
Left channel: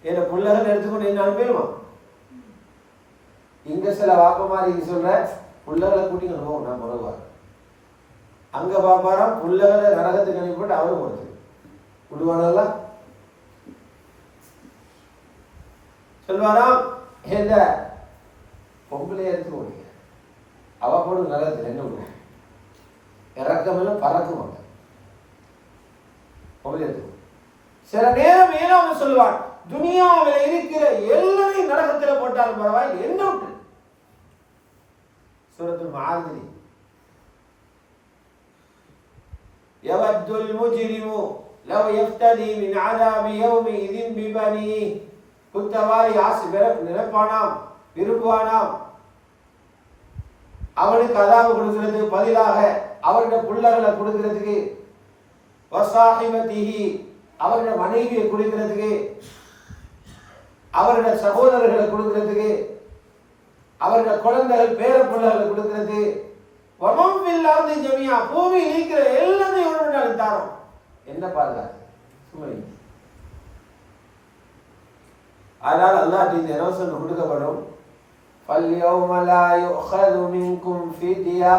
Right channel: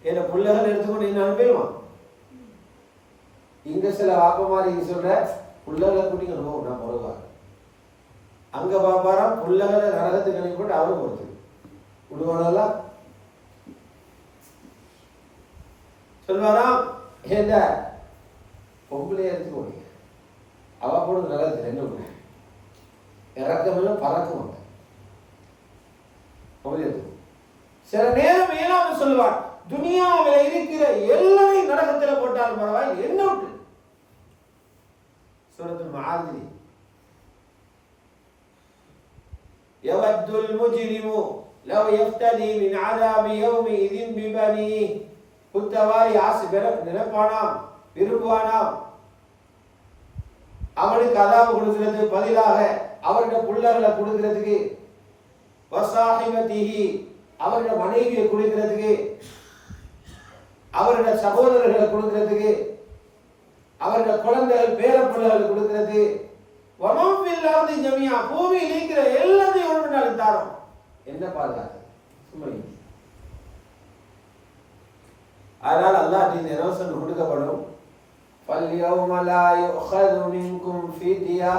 என்ன பிள்ளைகள் எடுத்துக்கொண்டு என்ன அனுப்பிடுவான். இங்க சில வாப்ப மாதிரி சொல்ற பிள்ளைகளை கூட்டிங்க போவோம், நான் பிறகுவாங்க. அங்க பாப்பாராம் பிள்ளைகளை நரகத்துக்கு அனுப்பிட்டு அவரும் போறது விடுவானெல்லாம் சொல்வாராம். இந்த பொம்பளைய எடுத்துக்கோங்க, அவ போடு நரகத்தில் என்ன விடுவோம், இறக்கமெல்லாம் பறக்கும். அவங்க பொம்பளை எடுத்துக்கோ. சில நேரம் ஏன்னா அவன் சொல்லுவான், துனியாவில் இருக்கிற எல்லாரையும் நரகத்தில் போட்டாலும் பரவாயில்லை, என்ன விட்டு. சூரத்துல் மாஆரிஜ், யவத்துல் முஜ்ரிமு லவ் யஃப்ததி மின் அஸாபி யௌமிஇதின் பிபனீஹி. குற்றவாளி ஆசை நினைப்பானாம், விரும்புவானாம், அவனுக்கு அதாவு கொடுக்கிறது பதிலாக அவருடைய பிள்ளைகளை கொடுக்கிறதுக்கு, வசாஹிபதிஹி அவருடைய மனைவியை கொடுக்கிறதுக்கு, அவருடைய சகோதரர்களை கொடுக்கிறதுக்கு, அவருடைய குழந்தைகள் பேர பிள்ளைகளை கொடுக்கிறது, வமம் ஃபில் அர்தி ஜமீஆ பூமியில் இருக்கிற எல்லாத்தையும் இவனுக்கு தாரோம். என்ன பாதுகாப்பு சும்மா. அதனால் அல்லாஹ் இந்த இலவசம் கொடுக்கப்படும். فَالْيَوْمَ لَا يُؤْخَذُ مِنْكُمْ فِدْيَةٌ.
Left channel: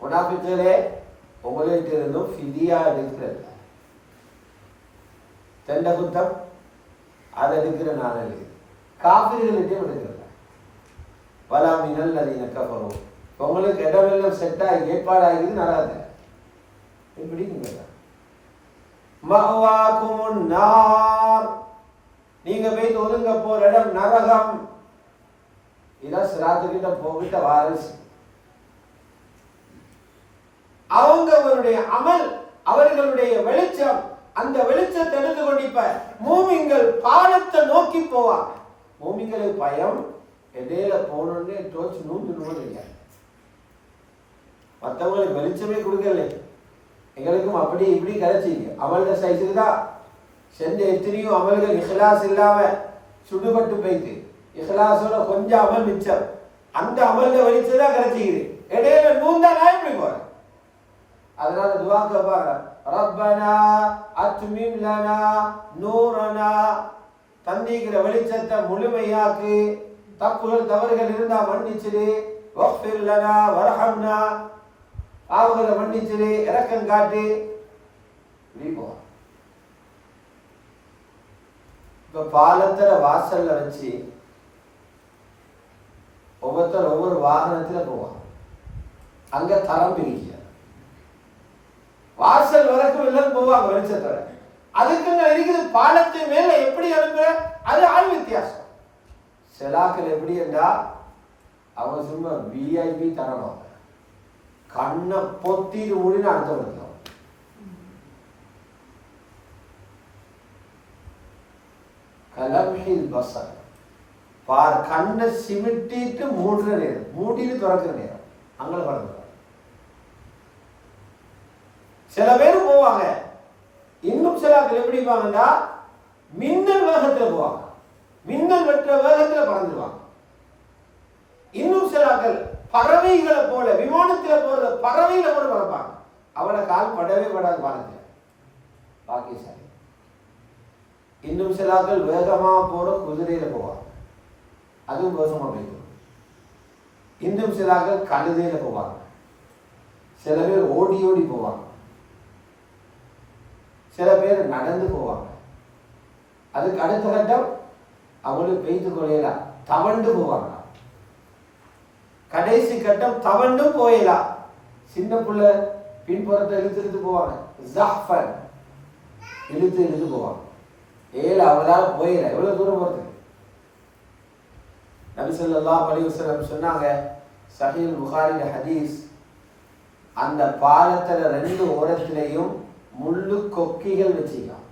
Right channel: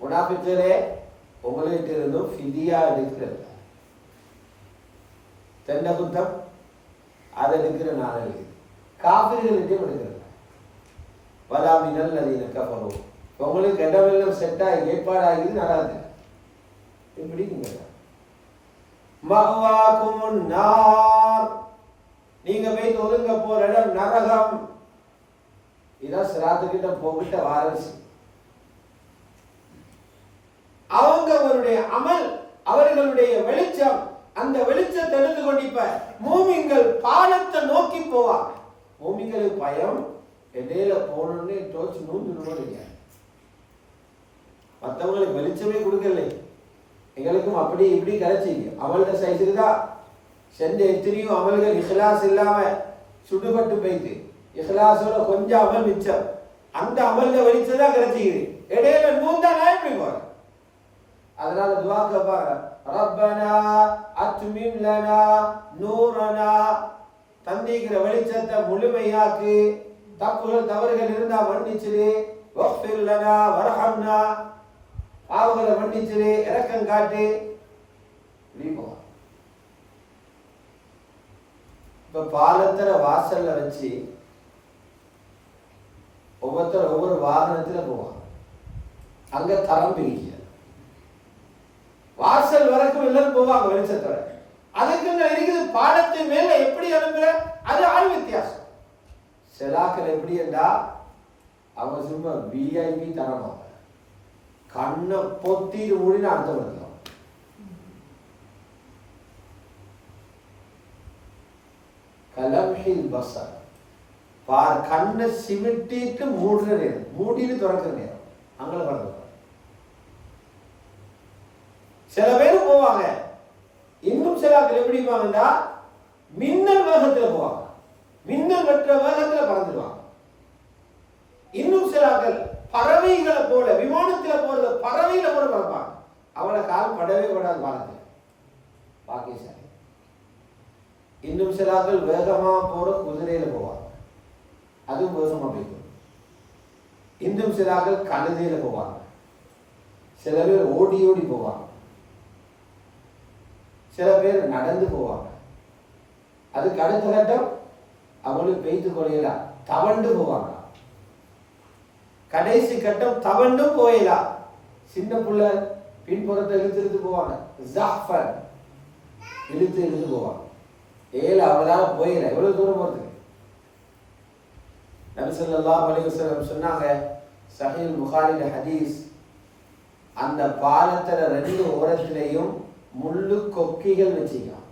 முனாஃபிக்குகளே, உங்கள்கிட்ட இருந்தும் ஃபிதியா எடுக்கிறது, தெண்ட குத்தம் அதை எடுக்கிற நாள் காபிர்கள்கிட்டையும் எடுக்கிறது. வலா மினல் லதீன கஃபரு. உங்களுக்கு இடமெல்லாம் செட்டாகி ஏற்பாடாகிது நடாது எப்படிங்க. மஅவாகுமுன் நார், நீங்க போய் ஒதுங்க போற இடம் நரகம். இதான் சிராத்துக்கிட்ட போகிட்ட வாரிசு. அவங்களுடைய அமல், அவர்களுடைய வெளிச்சம், அந்த வெளிச்சத்தை எடுத்து கொண்டிப்ப மூமின்கள் பாலத்தை நோக்கி போவாங்க. மூமின்களுக்கு பயம் இடையில போனோடனே தோச்சு நூந்து இல்லை. மற்றவங்களுக்கு வெளிச்சமே கொடுக்கல, எங்களுக்கும் அப்படி இப்படி கிடைச்சிங்க. அமல்ட சைஸுக்கு தான் செஞ்ச எத்தனையும் அமல்கள் இஹ்லாஸ் இல்லாம சுடுபட்டு போயிட்டு, இஹ்லாஸோட கொஞ்சம் அமல் மிச்சம், அந்த அமல்ல வெளிச்சதான் கிடைச்சிக்குது. இடையில நூந்தா நான் எப்படி போறேன். அதனால துவா கேட்பாங்க, ரப்பனா அத்மிம் லனா நூரனா, தந்திக்கிற வெளிச்சத்தை முழுமையாக்கு, தப்புகள் தவறுகள் இருந்தா மன்னிச்சிடு, வஃபிர் லனா வர்ஹம்னா, பாவங்களை மன்னிச்சிடு, இரக்கம் காட்டு. இப்படி போவாங்க. இப்ப பாலத்துல வாசல்ல வச்சு ஒவ்வொருத்தர் ஒவ்வொரு வாகனத்துல போவாங்க. அங்க தரம் பிரிக்க வாசல் வரைக்கும் எல்லாம் போவாங்க வெளிச்சத்தோட. அதுக்குங்க இருக்குது பாலத்து மேல எப்படி அனுப்புற, அது ஆள் வித்தியாசம். செலாக்கள் எப்படி என்றா அவங்க சும்மா விஐபி தரணும், கண்ணை பொத்திட்டு மூடின்னு அடுத்தவங்க. கலம்ஹில் பஸர், பார் கண்ணை சிமிட்டிட்டு மூடுற நேரம், மூடிட்டு திறக்கிற நேரம் அங்கே பறந்துருவாங்க. சில பேர் போவாங்க, இன்னும் சில ஆட்கள் எப்படி போவாங்கடா மின்னல் வேகத்தில் போவாங்க, மின்னல் வெற்ற வேகத்தில் பறந்துடுவாங்க. இன்னும் சில ஆட்கள் பறவைகளை போல விமானத்தில் போறத பறவைகளை போல பறப்பாங்க. அவளை கால் படவே படாது வானத்தில், பாக்கியசாலி. இன்னும் சில ஆட்கள் வேகமா போற குதிரையில போவாங்க, அதுவும் வேகமா போய்க்கும். இன்னும் சில ஆட்கள் கழுதையில போவாங்க, சில பேர் ஓடி ஓடி போவாங்க, சில பேர் நடந்து போவாங்க. அதுக்கு அடுத்த கட்டம் அவங்களுக்கு பெய்து கொள்ளையலாம் தவண்டு போவாங்க. கடைசி கட்டம் தவண்டும் போயலாம். சின்ன புள்ள பின்புறத்தை இழுத்து போவாங்க, ஜாஃபர் இழுத்து போவாங்க. ஏழு அவங்களால போயில எவ்வளவு தூரம் போறது. நபி ஸல்லல்லாஹு அலைஹி வஸல்லம் சொன்னாங்க, சஹீஹ் புகாரில ஹதீஸ், அந்த பாலத்துல ரெண்டு ஓரத்திலையும் முள்ளு கொக்கிகள் வச்சிருக்கான்.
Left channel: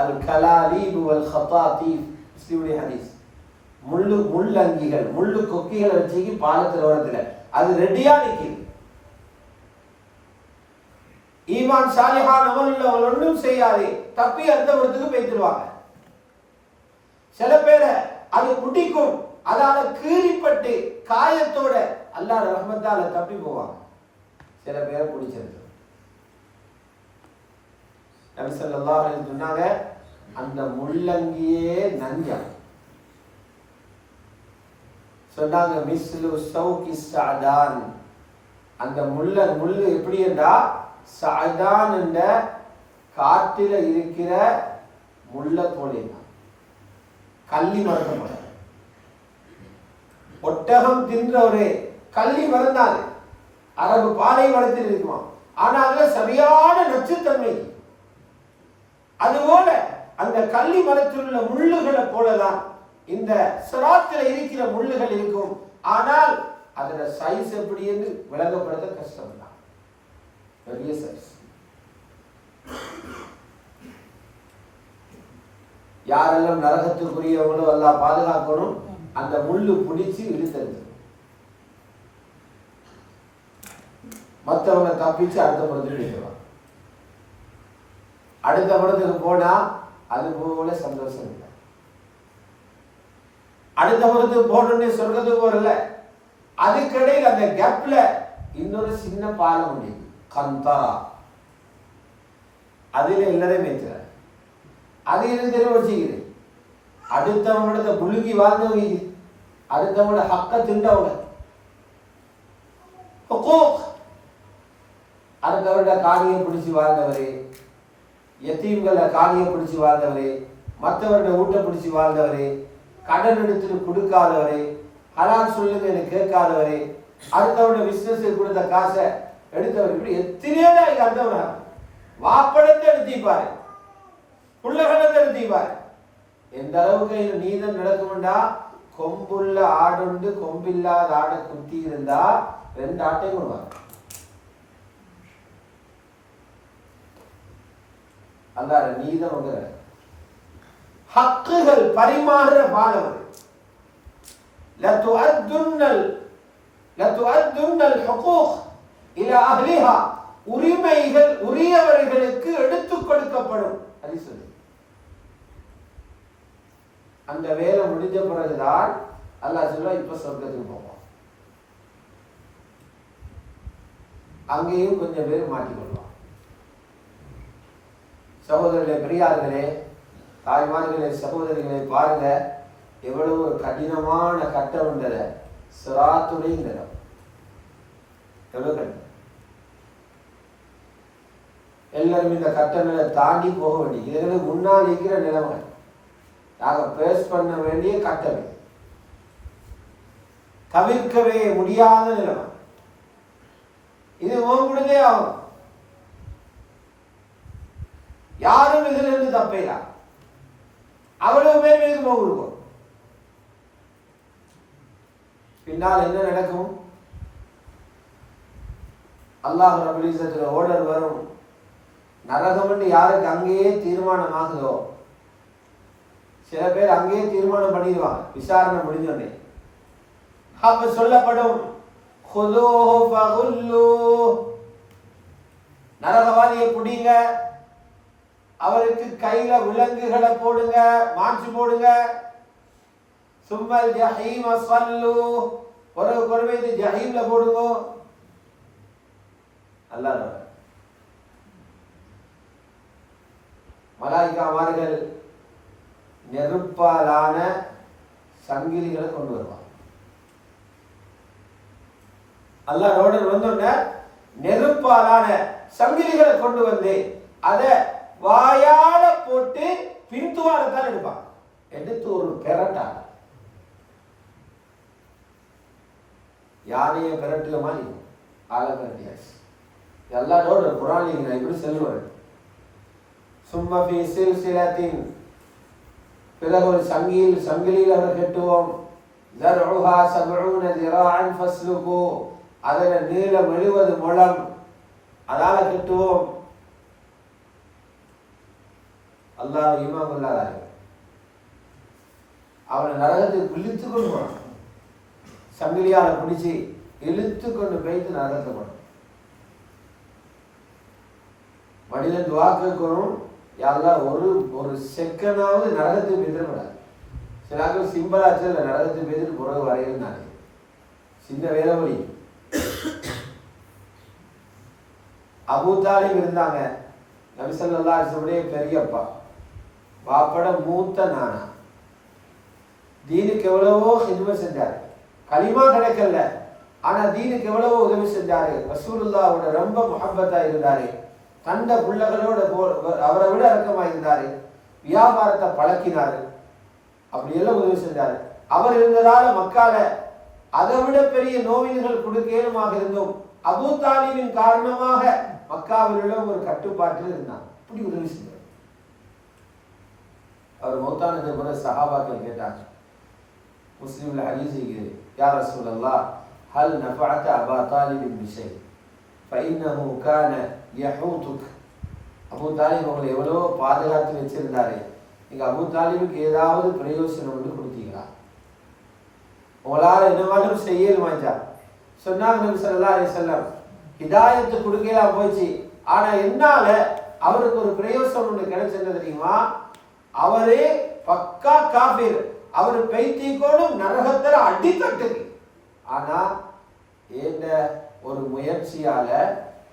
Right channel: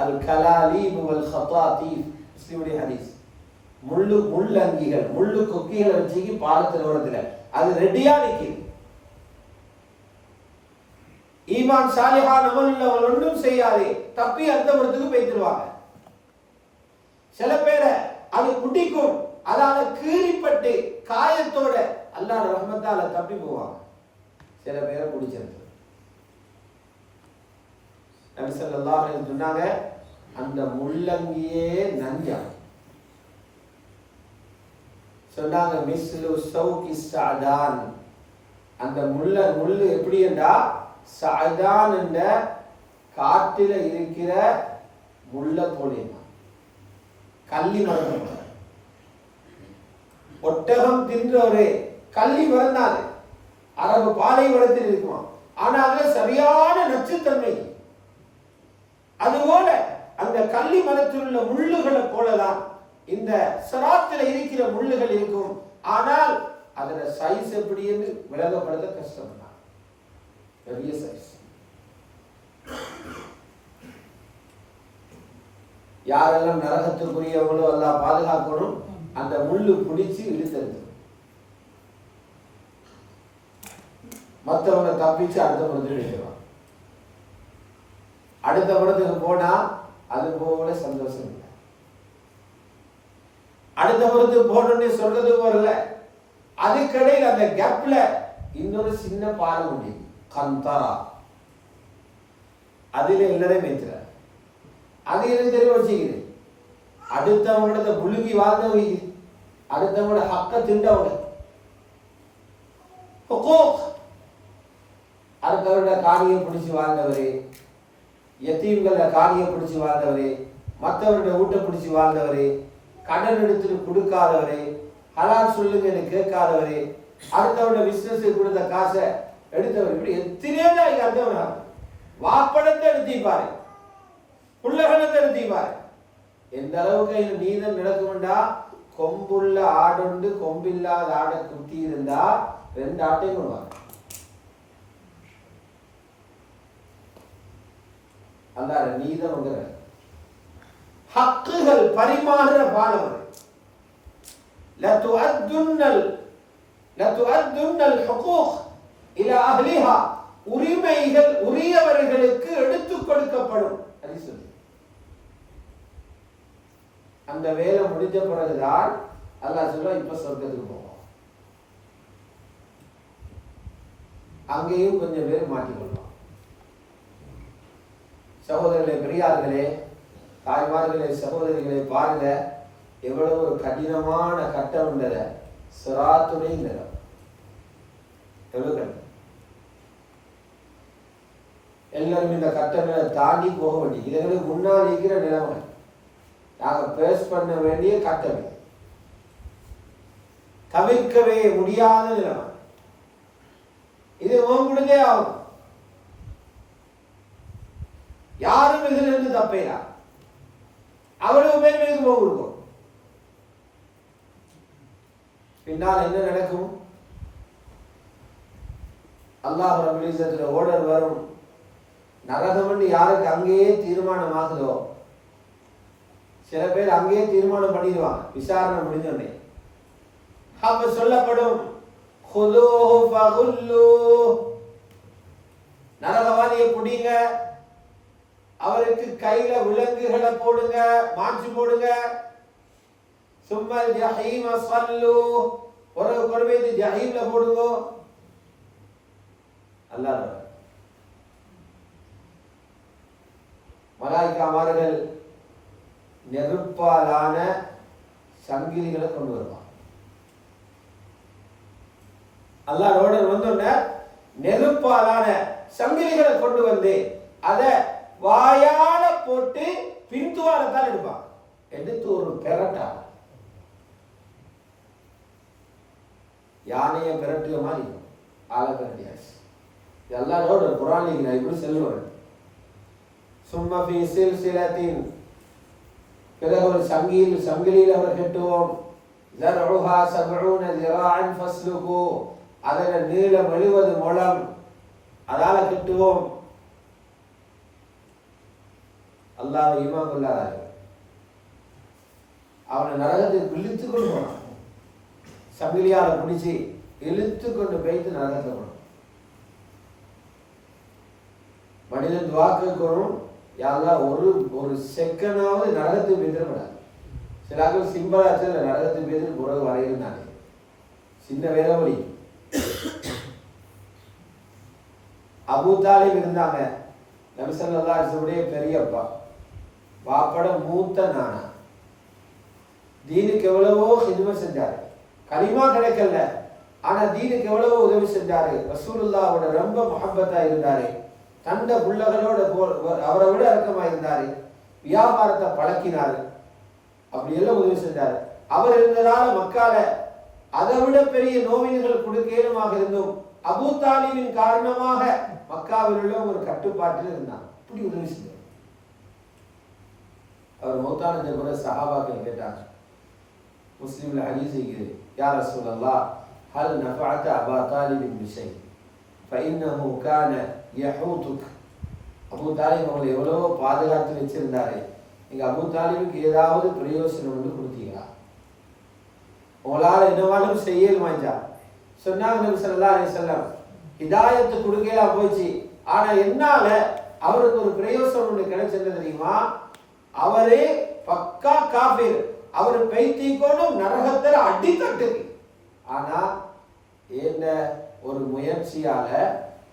அல் கலாலீப் வல் ஹதாதீப், முஸ்லிமுடைய ஹதீஸ். முள்ளங்கிகள் முள்ளு கொக்கிகளை வச்சு பாலத்தில் ஓரத்தில் அது ரெடியா நிற்குது. ஈமான் சாலிஹான் அமல் உள்ளவங்க ஒன்றும் செய்யாதே, தப்பி அந்த இடத்துக்கு போய்த்துருவாங்க. சில பேரை அது குடிக்கும், அதால கீறிப்பட்டு காயத்தோட அல்லாஹ் ரஹ்மத்தால தப்பி போவாங்க. சில பேரை குடிச்சிருக்கு. நபி ஸல்லல்லாஹு அலைஹி வஸல்லம் சொன்னாங்க, அந்த முள்ளங்கியே நஞ்சம். சொன்னாங்க மிஸ்லு ஷௌகி ஸஅதான், அந்த முள்ளு எப்படி என்றா ஸஅதான் என்ற காட்டில இருக்கிற முள்ள போலே, கள்ளி மரம். ஒட்டகம் தின்ற ஒரு கள்ளி மறந்தாது, அரபு பாலை வளத்தில் இருக்குமா, ஆனா அதுல சரியான நச்சுத்தன்மை. அதுபோல அந்த கள்ளி மரத்தில் உள்ள முள்ளுகளை போலதான் இந்த சிராத்தில் இருக்கிற முள்ளுகள் இருக்கும். ஆனால் அதோட சைஸ் எப்படி என்று விளங்கப்படுத்த கஷ்டம் தான், பெரிய சைஸ். யாரெல்லாம் நரகத்துக்குரியவங்களோ எல்லாம் பாதுகாக்கணும், அந்த முள்ளு பிடிச்சு இழுத்தது, மற்றவங்க தப்பிச்சு அடுத்த படத்துக்கு வைக்கலாம். அடுத்த படத்துக்கு போனா அது போல சந்தோஷம் இல்லை. அடுத்த படத்துக்கு போனோடனே சொல்றது போறல, அதுக்கடையில் அந்த கேப்ல இன்னொரு சின்ன பாலம் உண்டு, கந்தரா. அதுல எல்லாரையும் மேய்ச்சார். அது எனக்கு தெரிய வச்சுக்குது. அடுத்தவங்களோட புழுகி வாழ்ந்தவங்க, அடுத்தவங்களோட ஹக்க திண்டவங்க, அடுத்தவரோட காணியை பிடிச்சி வாழ்ந்தவரு, யத்தீம்களை காணியை பிடிச்சி வாழ்ந்தவரு, மற்றவரோட ஊட்ட பிடிச்சி வாழ்ந்தவரு, கடன் எடுத்துட்டு கொடுக்காதவரு, ஹலால் சொல்லுங்க எனக்கு கேட்காதவரு, அடுத்தவரோட பிசினஸ் கொடுத்த காசை எடுத்தவர், இப்படி எத்தனையோ அடுத்தவனா வாப்படத்தை எடுத்திப்பாரு, புள்ளகணத்தை எடுத்திப்பாரு. எந்த அளவுக்கு நீதம் நடக்கும்டா, கொம்புள்ள ஆடுண்டு கொம்பில்லாத ஆடை குத்தி இருந்தா 2 ஆட்டையும் கொள்வாங்க. அங்க நீதம் ஹக்குகள் பரிமாறுற பாலம். உரிமைகள் உரியவர்களுக்கு எடுத்துக் கொடுக்கப்படும். அந்த வேலை முடிஞ்ச பிறகுதான் அல்லாஹ் சொல்லுவான், இப்ப சொர்க்கத்துக்கு போவோம். அங்கேயும் கொஞ்சம் பேர் மாட்டிக்கொள்வான். சகோதரர்களே, பெரியார்களே, தாய்மார்களே, சகோதரிகளே, பாருங்க எவ்வளவு ஒரு கடினமான கட்டம் உள்ளத. சிராத்துடைய நிலம் எவ்வளவு கட்டம். எல்லாரும் இந்த கட்டங்களை தாண்டி போக வேண்டிய, இதுகளுக்கு முன்னால் இருக்கிற நிலைமை நாங்கள் பேஸ் பண்ண வேண்டிய கட்டளை, தவிர்க்கவே முடியாத நிலைமை. இது ஓங்குடுதே ஆகும். யாரும் இதுல இருந்து தப்பையா, அவ்வளவு பேர் மீது போக இருக்கும். பின்னால் என்ன நடக்கும்? அல்லாஹ் ரப்பல் இஸ்ஸத்துல ஓர்டர் வரும். நரகம் என்று யாருக்கு அங்கேயே தீர்மானமாகுதோ, சில பேர் அங்கேயே தீர்மானம் பண்ணிடுவாங்க விசாரணை முடிஞ்சோடனே. அப்ப சொல்லப்படும் நரகவாதியை புடிங்க, அவருக்கு கையில விலங்குகளை போடுங்க, மாற்றி போடுங்க. சும்மல் ஜஹீம ஸல்லு, ஒரு கொண்டு ஜஹீம்ல போடுங்க. அல்லாஹ் மலாயிகாமார்கள் நெருப்பாலான சங்கிலிகளை கொண்டு வருவாங்க. அல்லாஹ் ரோடர் வந்தோடனே நெருப்பாலான சங்கிலிகளை கொண்டு வந்து அதை வாயால போட்டு பின்துவாரத்தால் எடுப்பாங்க. எடுத்து ஒரு பெரட்டா யானையை பெரட்டுல மாதிரி ஆளை பெரட்டியாச்சு. எல்லாரோட குரான் நான் இப்படி செல்லுவேன். சும்மா ஃபீ சில்சிலத்தின், பிறகு ஒரு சங்கிலியில் அவர் கட்டுவோம். ஸர்உஹா 70 ذراعا ஃபஸ்லுகு, அதில் நீளம் 70 முழம், அதால கட்டுவோம். அல்லாஹ் ஈமான் கொள்ளாதார் அவனை நரகத்துக்கு இழுத்து கொண்டு போனான். சங்கிலியால பிடிச்சி இழுத்து கொண்டு போய்த்து நரகத்தை போனான். மனிதன் துஆ கேட்கணும், யா அல்லாஹ் ஒரு செகண்டாவது நரகத்துக்கு போயிடக்கூடாது. சில ஆட்கள் சிம்பிளாச்சு நரகத்துக்கு போயிட்டு புறகு வரையிருந்தாங்க. சின்ன வேதவழி அபூ தாலிப் இருந்தாங்க. நபி ஸல்லல்லாஹு அலைஹி வஸல்லம் பெரியப்பா, பாப்பட மூத்த நானா. தீனுக்கு எவ்வளவோ ஹிதுமத் செஞ்சாரு. கலிமா கிடைக்கல, ஆனா தீனுக்கு எவ்வளவோ உதவி செஞ்சாரு. ரசூலுல்லாஹ்வோட ரொம்ப முஹப்பத்தா இருந்தாரு. தந்த பிள்ளைகளோட அவரை விட இறக்கமா இருந்தாரு. வியாபாரத்தை பழக்கினாரு. அப்படியெல்லாம் உதவி செஞ்சாரு. அவர் இருந்ததால மக்கால அதை விட பெரிய நோவின்கள் கொடுக்கேனுமாக இருந்தும் அபூ தாலிபின் காரணமாக மக்காவில் உள்ள ஒரு கட்டுப்பாட்டில் இருந்தார். இப்படி உதவி செஞ்சார். அவர் மௌத்தானது கூட சஹாபாக்கள் கேட்டார். முஸ்லிம்ல ஹதீஸ் இருக்குது, யா ரசூலல்லாஹ் ஹல் நஃபஅத அபா தாலிபின் பிஷை ஃபஇன்னஹு கான யஹூதுக். அபூ தாலிப் உங்களை எவ்வளோ பாதுகாத்து வச்சிருந்தாரு, நீங்க அபூ தாலிபுக்கு ஏதாவது பிரயோசனம் வந்து கொடுத்தீங்களா? உங்களால் என்னவாலும் செய்யலுமாச்சா? சொன்னாங்க நபி ஸல்லல்லாஹு அலைஹி வஸல்லம், ஹிதாயத்து கொடுக்கலாம் போச்சு, ஆனா என்னால அவருக்கு ஒரு பிரயோசனம் ஒன்று கிடைச்சது தெரியுமா? அவரே பக்கா காபீர், அவர் பைத்தியக்கோடும் நரகத்துல அடித்தட்டுக்கு, ஆனா என்ன ஒரு முயற்சியால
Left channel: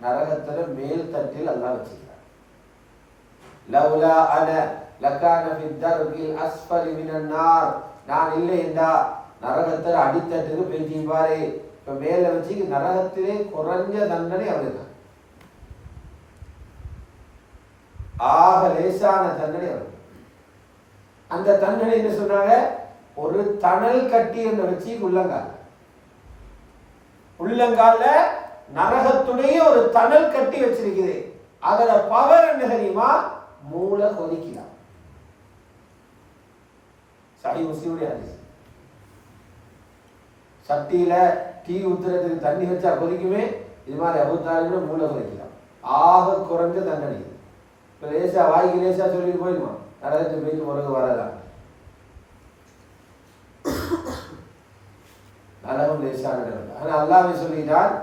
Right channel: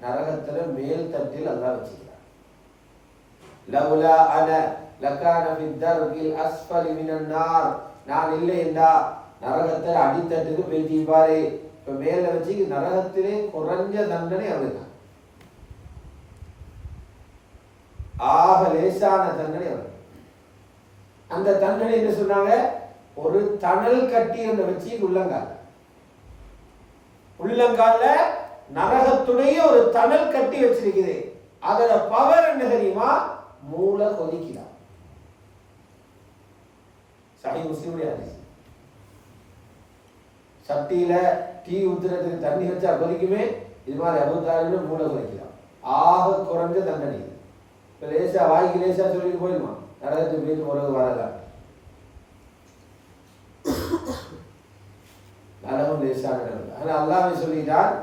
நரகத்துல மேல் தட்டில் அல்லாஹ் வச்சிருக்கார். லவ்லா அன லகான ஃபி தர்கில் அஸ்ஃபலி மினன் நார், நான் இல்லை என்றா நரகத்துல அடித்தட்டுக்கு பைத்தியப்பாரு. இப்ப மேல வச்சு நரகத்திலே குறைஞ்ச தண்டனை அவருதான், ஆக லேசான தண்டனை அவருக்கு. அந்த தண்டனை என்ன சொன்னாங்க? ஒரு தணல் கட்டி என்று வச்சு உள்ளங்கால நரகத்துடைய ஒரு தணல் கட்டி வச்சிருக்குது. அதோட பவர் என்ன தெரியுமா? மூளை கொதிக்கலாம். சஹீஹ் முஸ்லிமுடைய ஹதீஸ். சட்டியில டீ ஊத்துறதுக்கு தண்ணி வச்சா கொதிக்குமே, இது மாதிரி அபூ தாலிபோட மூளை கொதிக்கலாம். ஆக குறைஞ்ச தண்டனை. இப்ப லேசா வாய்க்கு லேசா சொல்லிட்டு போயிடுமா, நரகத்தை போயிட்டு உறவு வரலாம். நரகம் லேசான இடம். ஆனா அல்லாஹ்வே சொல்லிட்டார்,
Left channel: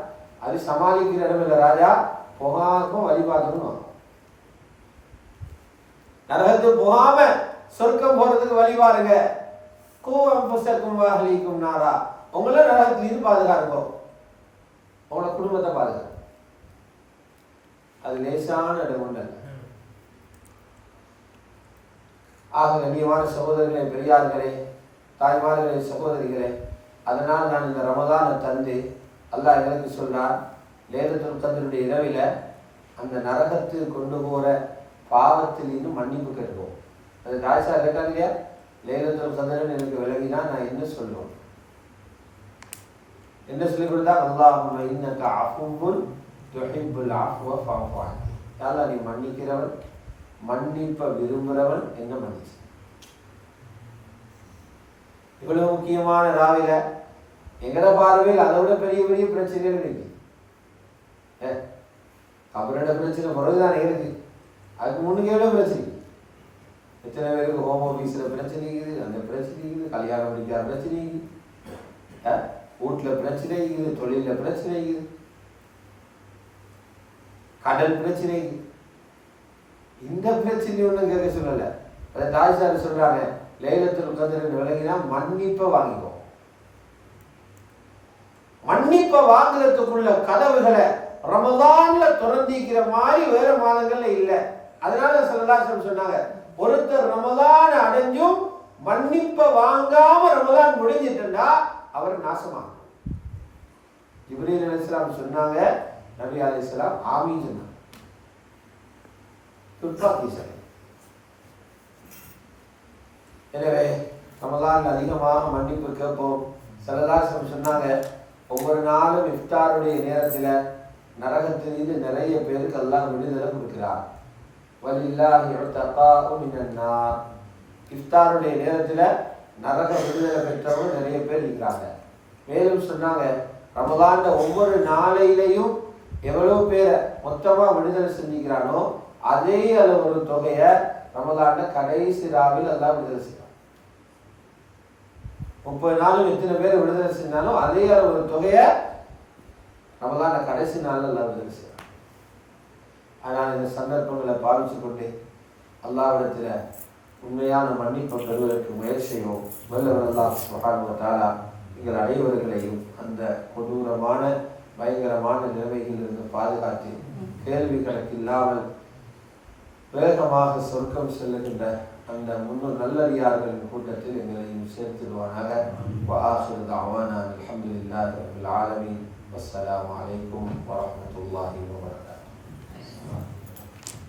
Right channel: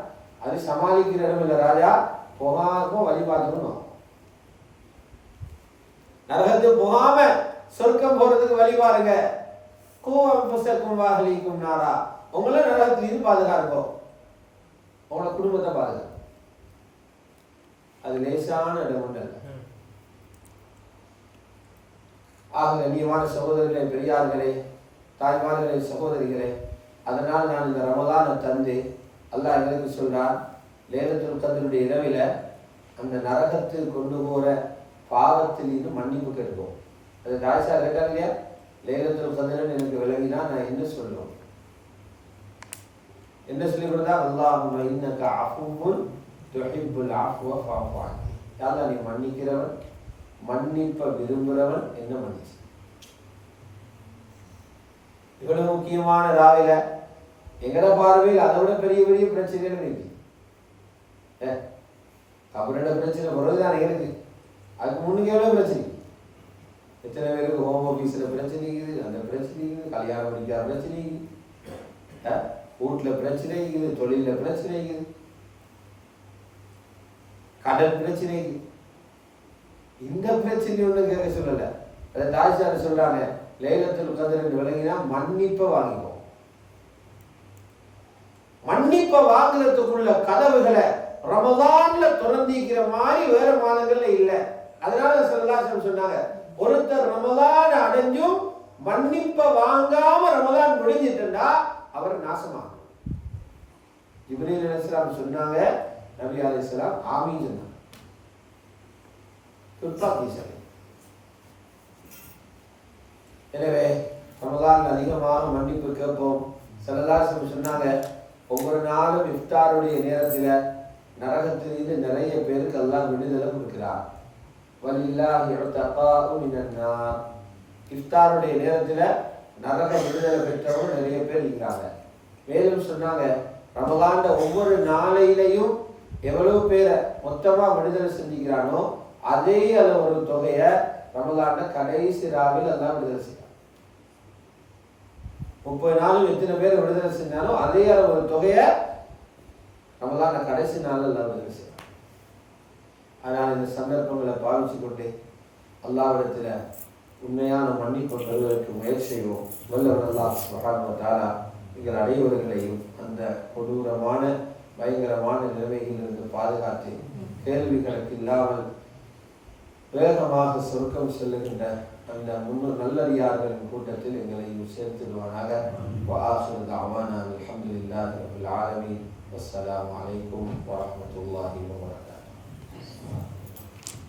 அது சமாளிக்கிற இடம் இல்லை ராஜா, புகாக்கும் வழிபாட்டுக்கும். நரகத்துக்கு போகாம சொர்க்கம் போறதுக்கு வழி பாருங்க. கூவம் புசக்கும் வாகலிக்கும் நாரா, உங்களை நரகத்திலிருந்து பாதுகாக்கும், உங்களோட குடும்பத்தை பாதுகாக்கும். அது லேசான இடம் ஒன்று அல்ல. ஆக கண்ணியமான சகோதரர்களே, பெரியார்களே, தாய்மார்களே, சகோதரிகளே, அதனால் நான் இந்த ரமதானை தந்து அல்லாஹ் எங்களுக்கு சொல்றான், லைலத்துல் கத்ருடைய இரவில அந்த நரகத்துக்கு கொண்டு போற பாவத்தில் இன்னும் மன்னிப்பு கேட்போம். அது காய்ச்சா கேட்டாங்க இல்லையா, லைலத்துல் கத்ருன்னு எனக்கு விளங்கினா நான் என்ன சொல்லுவோம்? என்ன சொல்லி கொடுத்தா, அல்லாஹும்ம இன்னக அஃபுவுன் துஹிப்புல் அஃப்வ ஃபஅஃபு அன்னி. யா அல்லாஹ், நீ மன்னிக்கிறவன், மன்னிப்ப விரும்புகிறவன், என்ன மன்னிச்சு. இவ்வளவு முக்கியமான ராவில எங்கட பார்வையில் அதை விட பெரிய பெரிய பிரச்சனைகள் இருக்கு. கபரோட பிரச்சனை பிறகுதான் இருக்கு, அதுக்கு முன்னுக்கு எவ்வளவு பிரச்சனை. எத்தனை பேருக்கு ஹோம் ஆஃபீஸில் பிரச்சனை இருக்குது, அந்த பிரச்சனை இருக்குது, கல்யாணம் முடிக்காத பிரச்சனை இருக்குது, வீட்டில் பிரச்சனை இருக்குது, தொழிலில் பிரச்சனை இருக்குது, கடன் பிரச்சனை இருக்குது. இந்த பிரச்சனை ஒன்றும் கேட்க சொல்லலை. அதை தாய்சார் சொல்றாங்க, லைலத்துல் கத்ர் விளங்கினா மன்னிப்பை வாங்கிக்கோ. மன்னிப்பை வாங்குறதுக்குள்ள கதவுகளை ரமதான்ல திறந்திக்கிற மாதிரி வேற மாதங்கள்ல இல்லை. அதனால ஸல்லல்லாஹு அலைஹி சொன்னாங்க, ஒருத்தர் ரமதான் அடைஞ்சும் மன்னிப்பை வாங்காம ரமதான் முடிஞ்சிட்டுண்டா அவர் நாசமாக. ஜிப்ரீல் அலைஹிஸ்ஸலாம் சொன்னாங்க, நபி அலைஹிஸ்ஸலாம் ஆமீன் சொன்னாங்க. துப்பாக்கி சரி. எனவே ரமதான் அதிகமாக மன்னிப்பு கேட்போம். ஸல்லல்லாஹு அலைஹி சொன்னாங்க, ஒவ்வொரு நாளும் இஃப்தாருடைய நேரத்தில் நரகத்திலிருந்து நிறைய பேருக்கு அல்லாஹ் விடுதலை கொடுக்கிறார். வலில்லாஹி உத்தகாஉ மினன் நார். இஃப்தாருடைய நேரத்தில் நரக விடுதலை பெற்றவங்க நிறைய பேர் இருக்கிறாங்க. மேலும் சொன்னாங்க, ரமதான்ல ஒவ்வொரு நாளையிலையும் எவ்வளவு பேரை மொத்தமாக விடுதலை செஞ்சுக்கிறானோ அதே அளவு ஒரு தொகையை ரமதான்ல கடைசி ராவில் எல்லாம் விடுதலை செய்யறான். 30 நாளும் எத்தனை பேர் விடுதலை செஞ்சாலும் அதே அளவு ஒரு தொகையை ரமதான்ல கடைசி நாள் எல்லாம் விடுதலை செய்யறான். அதனால் இந்த சந்தர்ப்பங்களை பாவிச்சு கொண்டு அல்லாஹ்விடத்தில் உண்மையான மன்னிப்பு பெறுவதற்கு முயற்சி செய்வோம். வல்லவன் அல்லாஹ் சுப்ஹானஹு வ தஆலா எங்கள் அனைவர்களையும் அந்த கொடூரமான பயங்கரமான நிலைமைகளிலிருந்து பாதுகாத்து கேள்வி கணக்கு இல்லாமல் வேகமாக சொர்க்கம் செல்லுகின்ற அந்த முன்னூறு நல்லடியார்களின் கூட்டத்தில் எங்களையும் சேர்த்துடுவானாக. வஆகிரு தஅவானா அல்ஹம்துலில்லாஹி ரப்பில் ஆலமீன். வஸ்ஸலாமு அலைக்கும் வரஹ்மத்துல்லாஹி வபரகாத்துஹு.